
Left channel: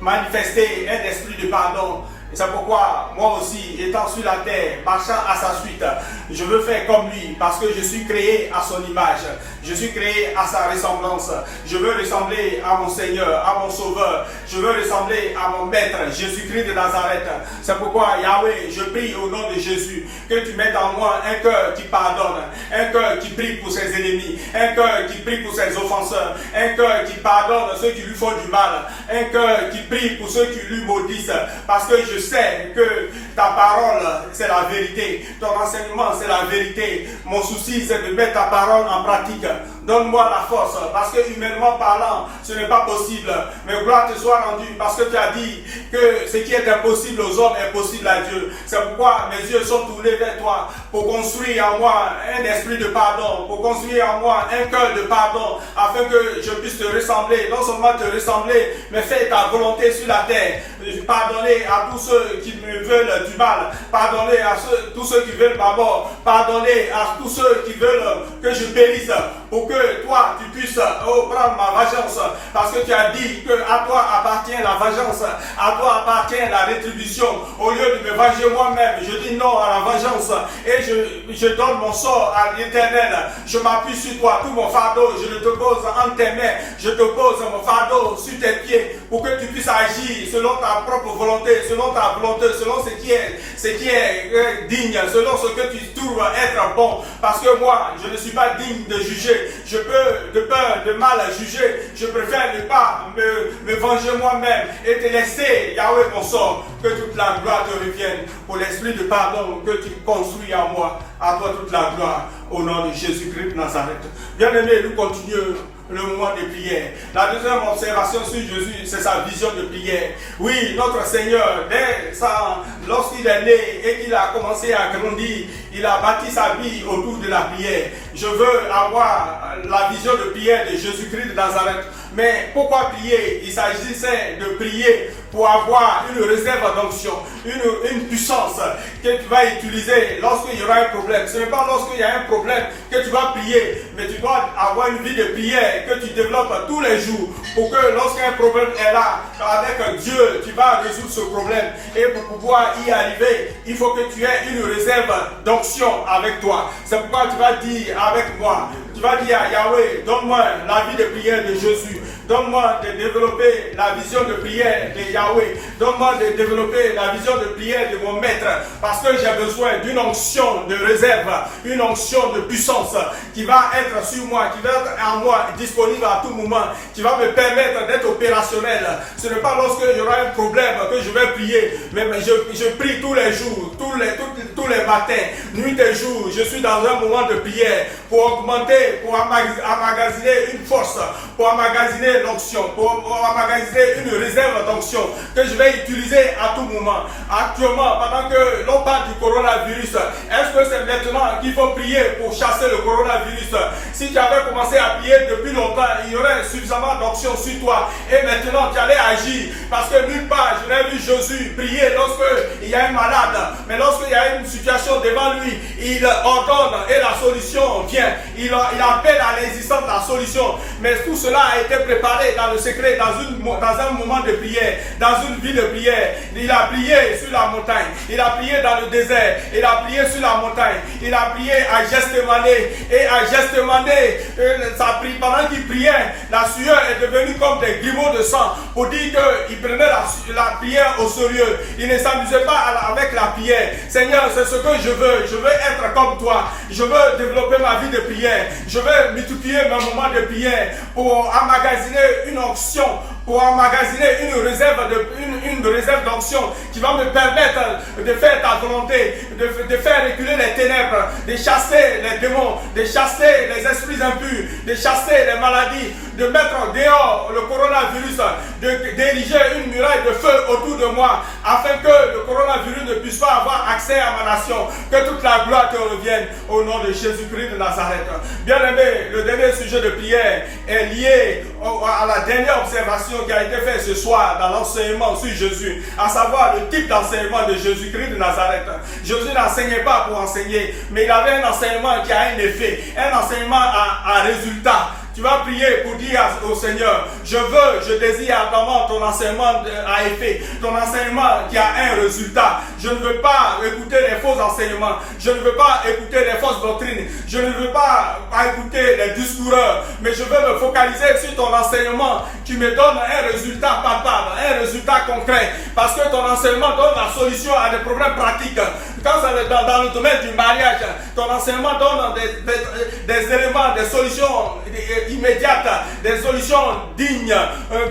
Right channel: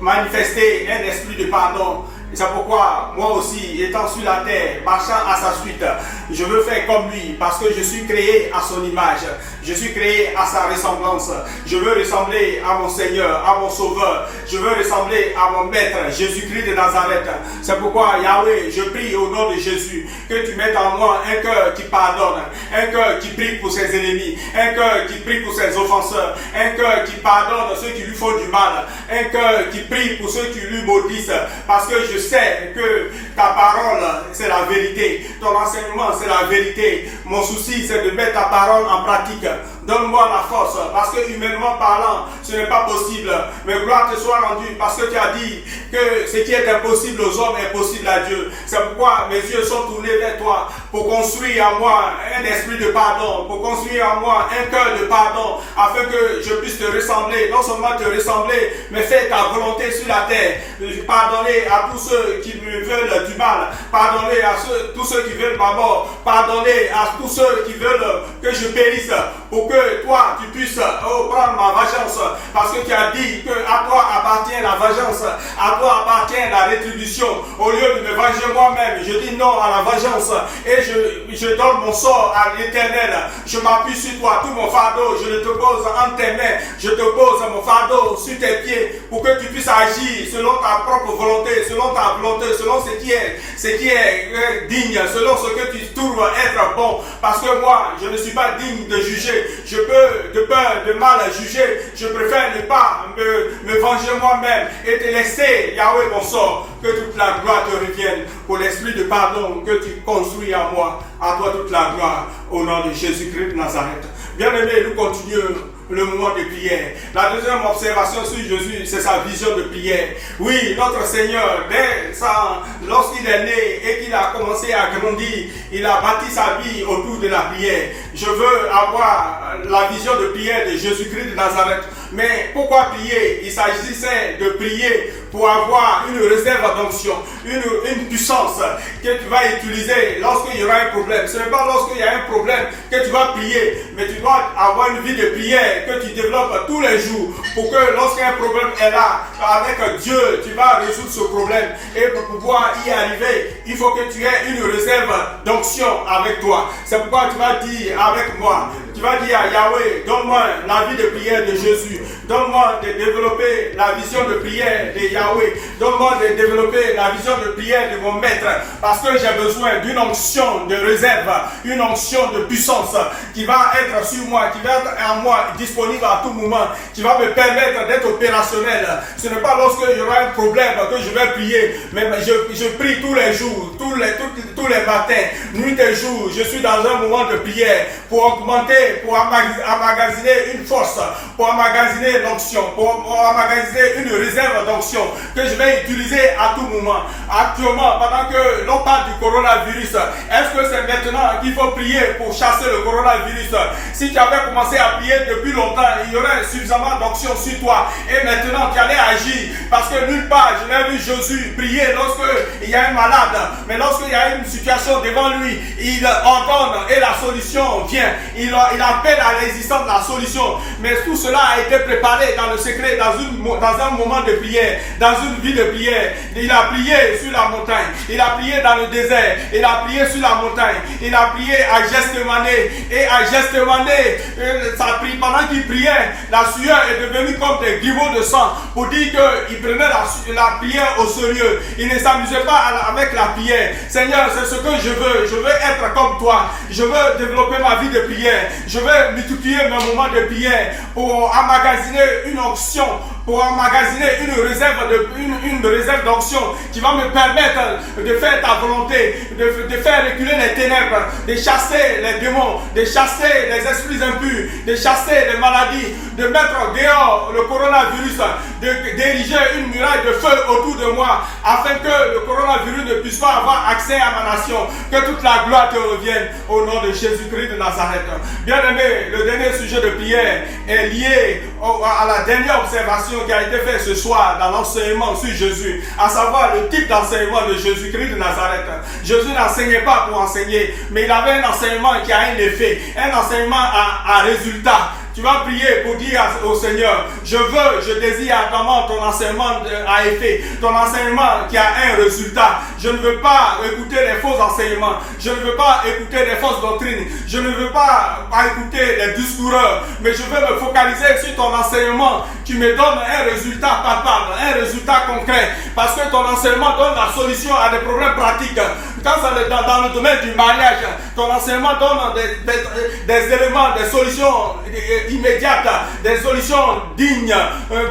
manifesté un esprit de pardon. Et c'est pourquoi, moi aussi, étant sur la terre, marchant à sa suite, je veux faire comme lui, parce que je suis créé à son image. Je suis créé à sa ressemblance. Je veux ressembler à mon Seigneur, à mon Sauveur. Je veux ressembler à mon Maître, Jésus-Christ de Nazareth. C'est pourquoi, Yahweh, je prie au nom de Jésus, que tu mettes en moi un cœur qui pardonne, un cœur qui prie pour ses ennemis, un cœur qui prie pour ses offenseurs, un cœur qui pardonne ceux qui lui font du mal, un cœur qui prie pour ceux qui lui maudissent, parce que je sais que ta parole, c'est la vérité. Ton enseignement, c'est la vérité. Mon souci, c'est de mettre ta parole en pratique. Donne-moi la force, parce que humainement parlant, ce n'est pas possible. Mais gloire te soit rendue, parce que tu as dit que ce qui est impossible aux hommes est possible à Dieu. C'est pourquoi mes yeux sont tournés vers toi, pour construire en moi un esprit de pardon, pour construire en moi un cœur de pardon, afin que je puisse te ressembler, non seulement te ressembler, mais faire ta volonté sur la terre. Pardonner à tous ceux qui me veulent du mal, pardonner à tous ceux qui veulent ma mort, pardonner à tous ceux qui veulent que je périsse, pour que toi tu puisses prendre ma vengeance, parce que tu as dit que à toi appartient la vengeance, à toi appartient la rétribution. Au lieu de me venger moi-même, je dis non à la vengeance et je donne mon sort à l'Éternel. Je m'appuie sur toi, tout mon fardeau je le te pose entre tes mains, je te pose mon fardeau sur tes pieds, pour que tu puisses agir selon ta propre volonté, selon ta volonté, selon ce qui est digne, selon ce que tu trouves être bon, parce que moi je ne suis pas digne de juger. Je peux, de peur de mal juger, je préfère ne pas me venger moi-même et te laisser, Yahweh, mon sort, que toute la gloire te revienne pour l'esprit de pardon que tu construis en moi. À toi toute la gloire, au nom de Jésus-Christ de Nazareth. Bien-aimés, nous continuons le moment de prière. La deuxième observation sur Jésus, c'est sa vision de prière. Oui, notre Seigneur, lorsqu'il est né et qu'il a commencé à grandir, il a bâti sa vie autour de la prière. Je veux avoir la vision de prière de Jésus-Christ de Nazareth. Mais pourquoi prier? Il s'agissait de prier pour avoir une réserve d'onction, une puissance que tu vas utiliser lorsqu'il y aura un problème. Ce n'est pas lorsqu'il y a un problème que tu vas prier, mais tu dois avoir une vie de prière que tu développes tous les jours, pour que lorsqu'un problème est là, avec Dieu, tu vas résoudre ce problème. Et pour pouvoir y arriver, il faut que tu aies une réserve d'onction avec toi. C'est pourquoi tu vas dire avec moi, tu vas dire à Yahweh, donne-moi la vie de prière de Jésus. Donne-moi de développer la vision de prière de Yahweh. Donne-moi de développer la vision de prière de mon maître. Parce que j'ai besoin d'une onction de réserve, une onction de puissance qui va être sur moi, qui va être en moi, disponible à tout moment, qui va me permettre d'être opérationnel. Ce n'est pas lorsque il y aura un problème que je vais prier, mais je prie tous les jours, tous les matins, nuit et jour. Je suis dans un moment de prière pour augmenter, pour emmagasiner une force, pour emmagasiner l'onction, pour emmagasiner une réserve d'onction que je vais utiliser à tout moment. Actuellement, pendant que l'on parle du coronavirus, est-ce que c'est maintenant qu'il faut prier pour chasser le coronavirus? Si tu avais commencé à prier depuis longtemps, il y aurait suffisamment d'onction sur toi et maintenant tu allais agir, parce que nulle part je n'ai vu Jésus prier lorsqu'il y a un malade, mais lorsqu'il y a une situation devant lui, il ordonne et la solution vient. Il appelle à l'existence de la solution. Mais tout cela a été préparé dans le secret, dans un moment de prière, dans une vie de prière. Il a prié sur la montagne, il a prié dans le désert, il a prié sur la montagne, il a prié à Gethsémani, et à Gethsémani, pendant qu'il priait, la sueur est devenue comme des grumeaux de sang, pour dire qu'il prenait la prière au sérieux. Il ne s'amusait pas avec la prière. Seigneur, c'est ce que je veux être comme toi, je veux développer ma vie de prière, je veux multiplier mes moments de prière pour emmagasiner une onction pour emmagasiner une réserve d'onction qui va me permettre de faire ta volonté, de faire reculer les ténèbres, de chasser les démons, de chasser les esprits impurs, de chasser les maladies, de mettre dehors le coronavirus, d'ériger une muraille de feu autour de moi, afin que le coronavirus ne puisse pas avoir accès à ma nation. Que toute la gloire te revienne au nom de Jésus-Christ de Nazareth. Bien-aimé, le dernier sujet de prière est lié à la dernière observation qui a été faite ce soir dans l'enseignement sur Jésus, à savoir le type d'enseignement de Jésus-Christ de Nazareth. Jésus n'enseignait pas pour enseigner, mais il avait un enseignement qui a un effet, un enseignement à résultat. Tu vas prier pour dire au Seigneur, je désire ardemment ton enseignement à effet, ton enseignement qui a un résultat. Je ne veux pas écouter les faux enseignements, je ne veux pas écouter les fausses doctrines, je ne veux pas écouter les discoureurs, mais je veux me focaliser sur ton enseignement qui me donne un résultat palpable, un résultat concret, parce que ton enseignement donne la solution à des problèmes pratiques. Quand c'est dans le domaine du mariage, ton enseignement donne des éléments, des solutions immédiates, des solutions dignes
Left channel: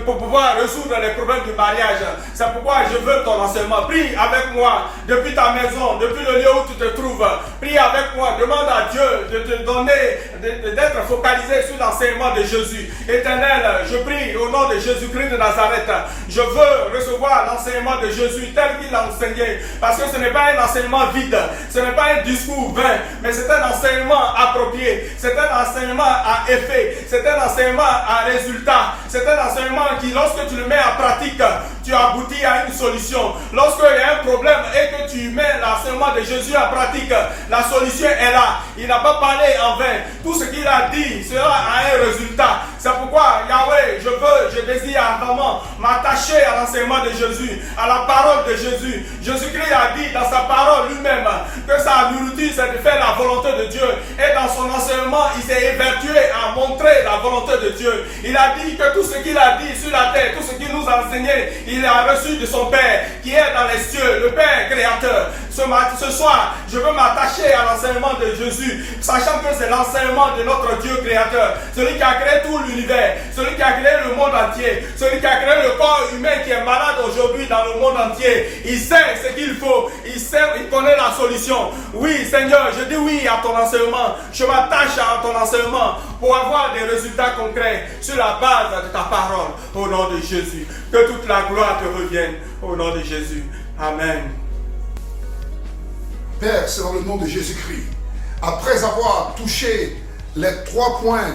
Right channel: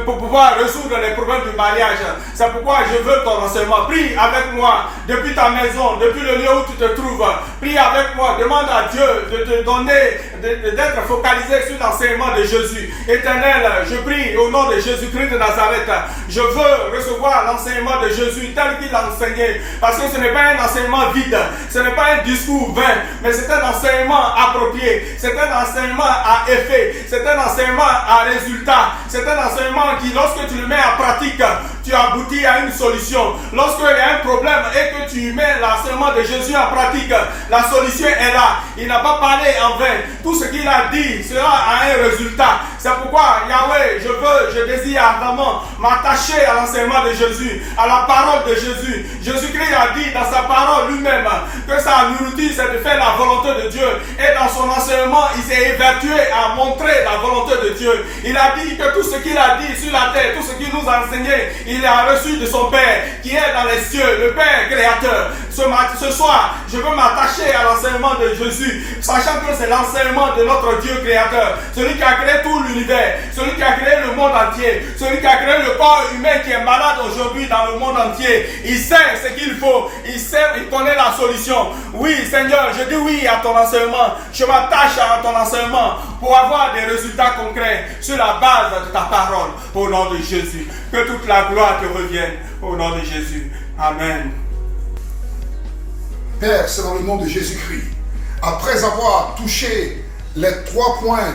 pour pouvoir résoudre les problèmes du mariage. C'est pourquoi je veux ton enseignement. Prie avec moi depuis ta maison, depuis le lieu où tu te trouves. Prie avec moi, demande à Dieu de te donner, d'être focalisé sur l'enseignement de Jésus. Éternel, je prie au nom de Jésus-Christ de Nazareth. Je veux recevoir l'enseignement de Jésus tel qu'il a enseigné, parce que ce n'est pas un enseignement vide, ce n'est pas un discours vain, mais c'est un enseignement approprié, c'est un enseignement à effet, c'est un enseignement à résultat, c'est un enseignement qui, lorsque tu le mets en pratique, tu aboutis à une solution. Lorsqu'il y a un problème et que tu mets l'enseignement de Jésus en pratique, la solution est là. Il n'a pas parlé en vain. Tout ce qu'il a dit sera à un résultat. C'est pourquoi, Yahweh, je désire ardemment m'attacher à l'enseignement de Jésus, à la parole de Jésus. Jésus-Christ a dit dans sa parole lui-même que sa nourriture, c'est de faire la volonté de Dieu. Et dans son enseignement, il s'est évertué à montrer la volonté de Dieu. Il a dit que tout ce qu'il a dit sur la terre, tout ce qu'il nous a enseigné, il a reçu de son Père qui est dans les cieux, le Père créateur. Ce soir, je veux m'attacher à l'enseignement de Jésus, sachant que c'est l'enseignement de notre Dieu créateur, celui qui a créé tout l'univers, celui qui a créé le monde entier, celui qui a créé le corps humain qui est malade aujourd'hui dans le monde entier. Il sait ce qu'il faut, il connaît la solution. Oui, Seigneur, je dis oui à ton enseignement. Je m'attache à ton enseignement pour avoir des résultats concrets sur la base de ta parole. Au nom de Jésus, que toute la gloire te revienne. Au nom de Jésus. Amen. Père, c'est dans le nom de Jésus-Christ. Après avoir touché les 3 points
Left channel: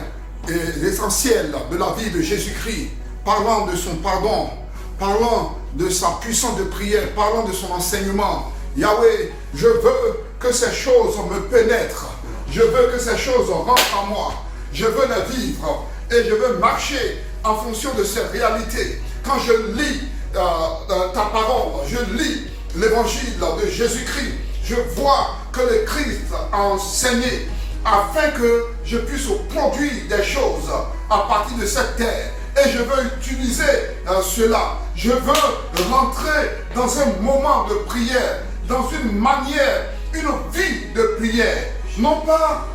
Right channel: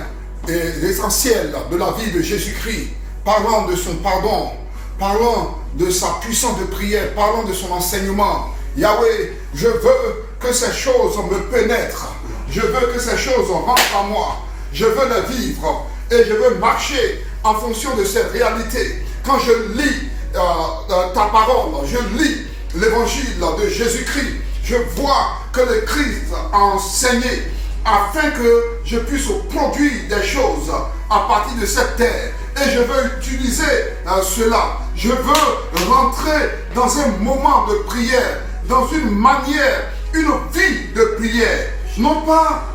essentiels de la vie de Jésus-Christ, parlant de son pardon, parlant de sa puissance de prière, parlant de son enseignement, Yahweh, je veux que ces choses me pénètrent. Je veux que ces choses rentrent en moi. Je veux les vivre et je veux marcher en fonction de ces réalités. Quand je lis ta parole, je lis l'évangile de Jésus-Christ, je vois que le Christ a enseigné afin que je puisse produire des choses à partir de cette terre. Et je veux utiliser cela. Je veux rentrer dans un moment de prière, dans une manière, une vie de prière. Non pas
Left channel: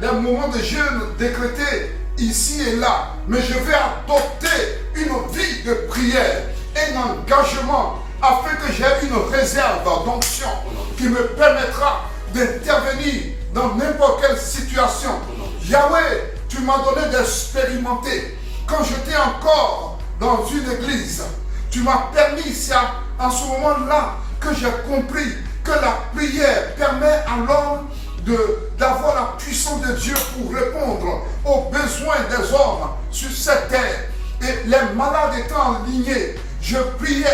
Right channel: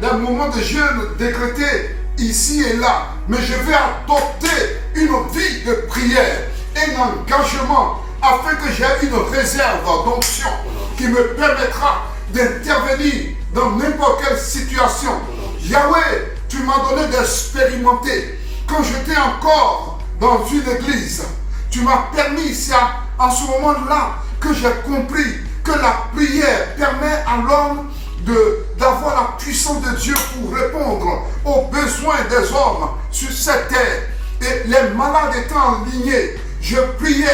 d'un moment de jeûne décrété ici et là, mais je vais adopter une vie de prière, un engagement afin que j'ai une réserve d'onction qui me permettra d'intervenir dans n'importe quelle situation. Yahweh, tu m'as donné d'expérimenter. Quand j'étais encore dans une église, tu m'as permis, c'est en ce moment-là que j'ai compris que la prière permet à l'homme d'avoir la puissance de Dieu pour répondre aux besoins des hommes sur cette terre. Et les malades étant alignés, je priais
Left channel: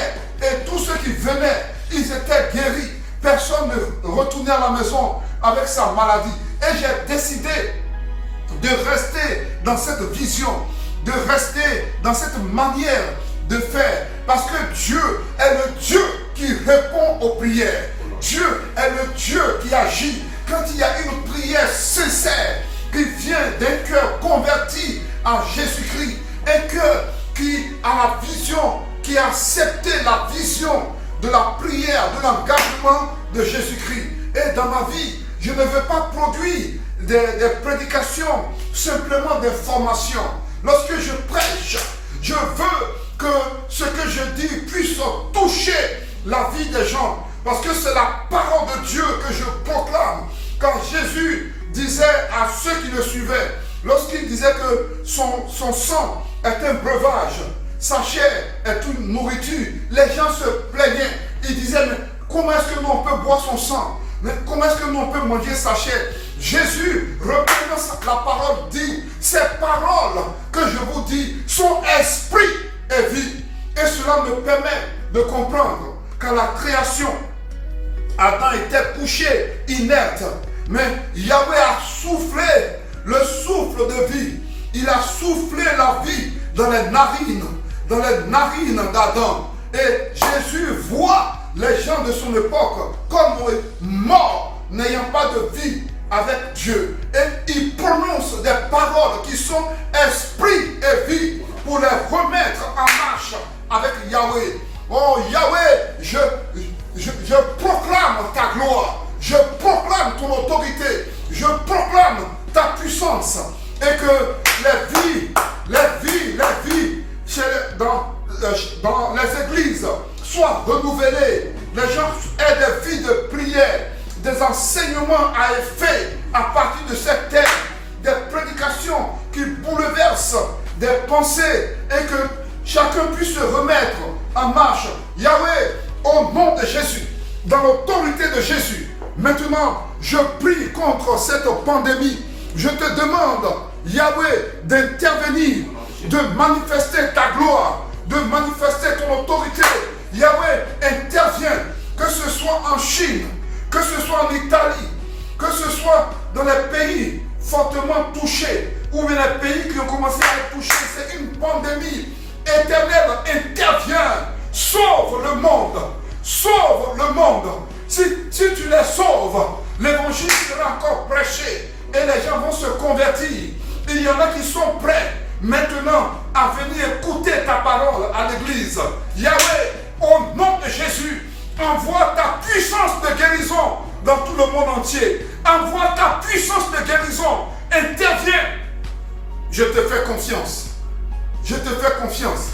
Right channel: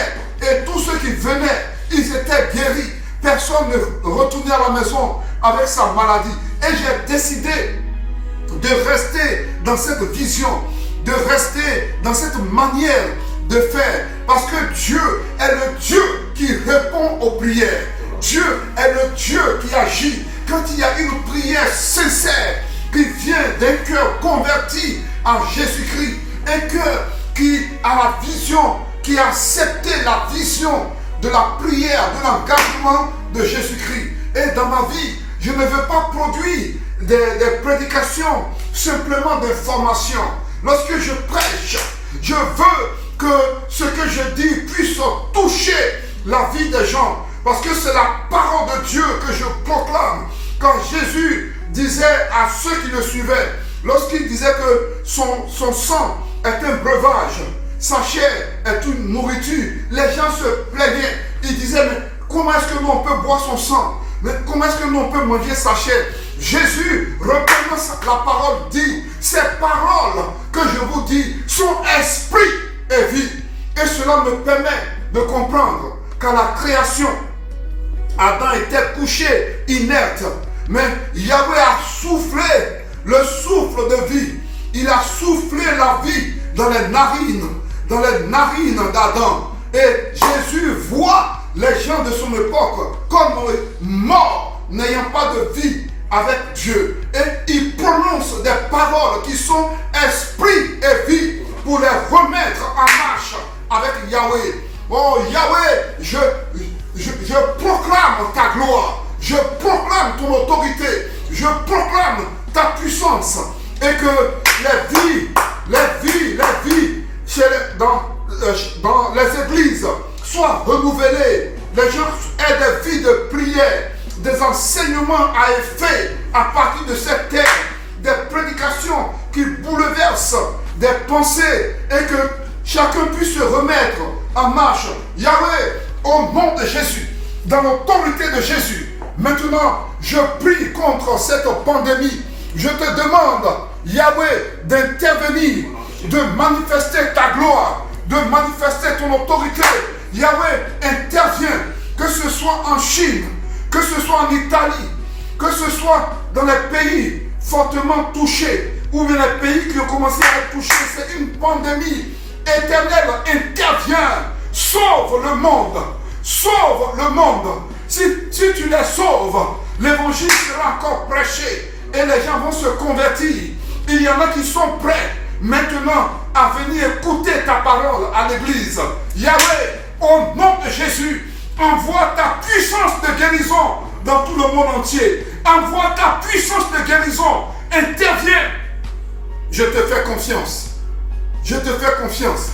et tous ceux qui venaient, ils étaient guéris. Personne ne retournait à la maison avec sa maladie. Et j'ai décidé de rester dans cette vision, de rester dans cette manière de faire. Parce que Dieu est le Dieu qui répond aux prières. Dieu est le Dieu qui agit. Quand il y a une prière sincère qui vient d'un cœur converti à Jésus-Christ, un cœur qui a la vision, qui a accepté la vision de la prière, de l'engagement de Jésus-Christ. Et dans ma vie, je ne veux pas produire des prédications, simplement d'informations. Lorsque je prêche, je veux que ce que je dis puisse toucher la vie des gens. Parce que c'est la parole de Dieu que je proclame. Quand Jésus disait à ceux qui le suivaient, lorsqu'il disait que son sang est un breuvage, sa chair est une nourriture, les gens se plaignaient. Ils disaient, mais comment est-ce que nous on peut boire son sang? Mais comment est-ce que nous on peut manger sa chair? Jésus, reprenant la parole, dit, ces paroles que je vous dis sont esprit et vie. Et cela me permet de comprendre qu'à la création, Adam était couché, inerte. Mais Yahweh a soufflé le souffle de vie. Il a soufflé la vie dans les narines d'Adam. Et Jésus voit les gens de son époque comme morts, n'ayant pas de vie avec Dieu. Et il prononce des paroles qui sont esprit et vie pour les remettre en marche avec Yahweh. Oh Yahweh, je proclame ta gloire. Je proclame ton autorité. Je proclame ta puissance. Et que les vies dans les églises soient renouvelées. Les gens aient des vies de prière, des enseignements à effet à partir de cette terre, des prédications qui bouleversent des pensées et que chacun puisse se remettre en marche. Yahweh, au nom de Jésus, dans l'autorité de Jésus, maintenant, je prie contre cette pandémie. Je te demande, Yahweh, d'intervenir, de manifester ta gloire, de manifester ton autorité. Yahweh, intervient, que ce soit en Chine, que ce soit en Italie, que ce soit dans les pays fortement touchés, ou bien les pays qui ont commencé à être touchés. C'est une pandémie. Éternel, intervient, sauve le monde, sauve le monde. Si tu les sauves, l'évangile sera encore prêché et les gens vont se convertir. Il y en a qui sont prêts maintenant à venir écouter ta parole à l'église. Yahweh, au nom de Jésus, envoie ta puissance de guérison dans tout le monde entier. Envoie ta puissance de guérison. Interviens. Je te fais confiance. Je te fais confiance.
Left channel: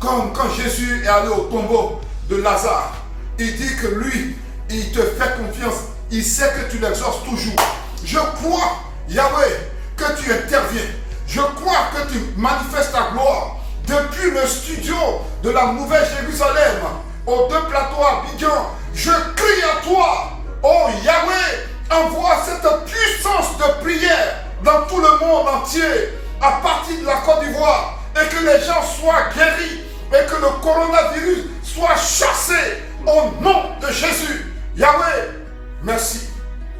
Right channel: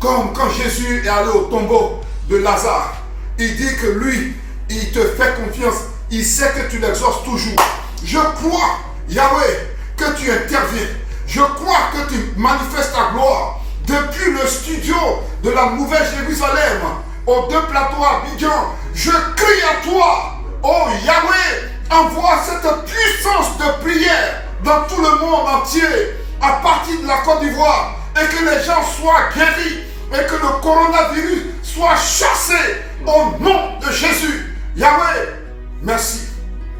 Comme quand Jésus est allé au tombeau de Lazare, il dit que lui, il te fait confiance. Il sait que tu l'exauces toujours. Je crois, Yahweh, que tu interviens. Je crois que tu manifestes ta gloire. Depuis le studio de la Nouvelle Jérusalem, aux deux plateaux à Abidjan, je crie à toi. Oh Yahweh, envoie cette puissance de prière dans tout le monde entier, à partir de la Côte d'Ivoire, et que les gens soient guéris, et que le coronavirus soit chassé au nom de Jésus. Yahweh, merci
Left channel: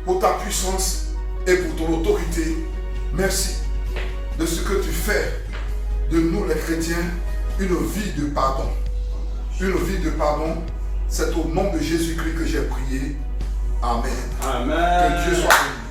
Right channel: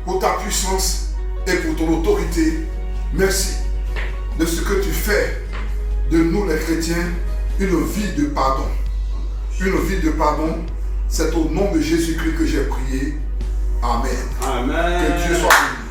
pour ta puissance et pour ton autorité. Merci de ce que tu fais de nous les chrétiens une vie de pardon. Une vie de pardon, c'est au nom de Jésus-Christ que j'ai prié. Amen. Amen. Que Dieu soit béni.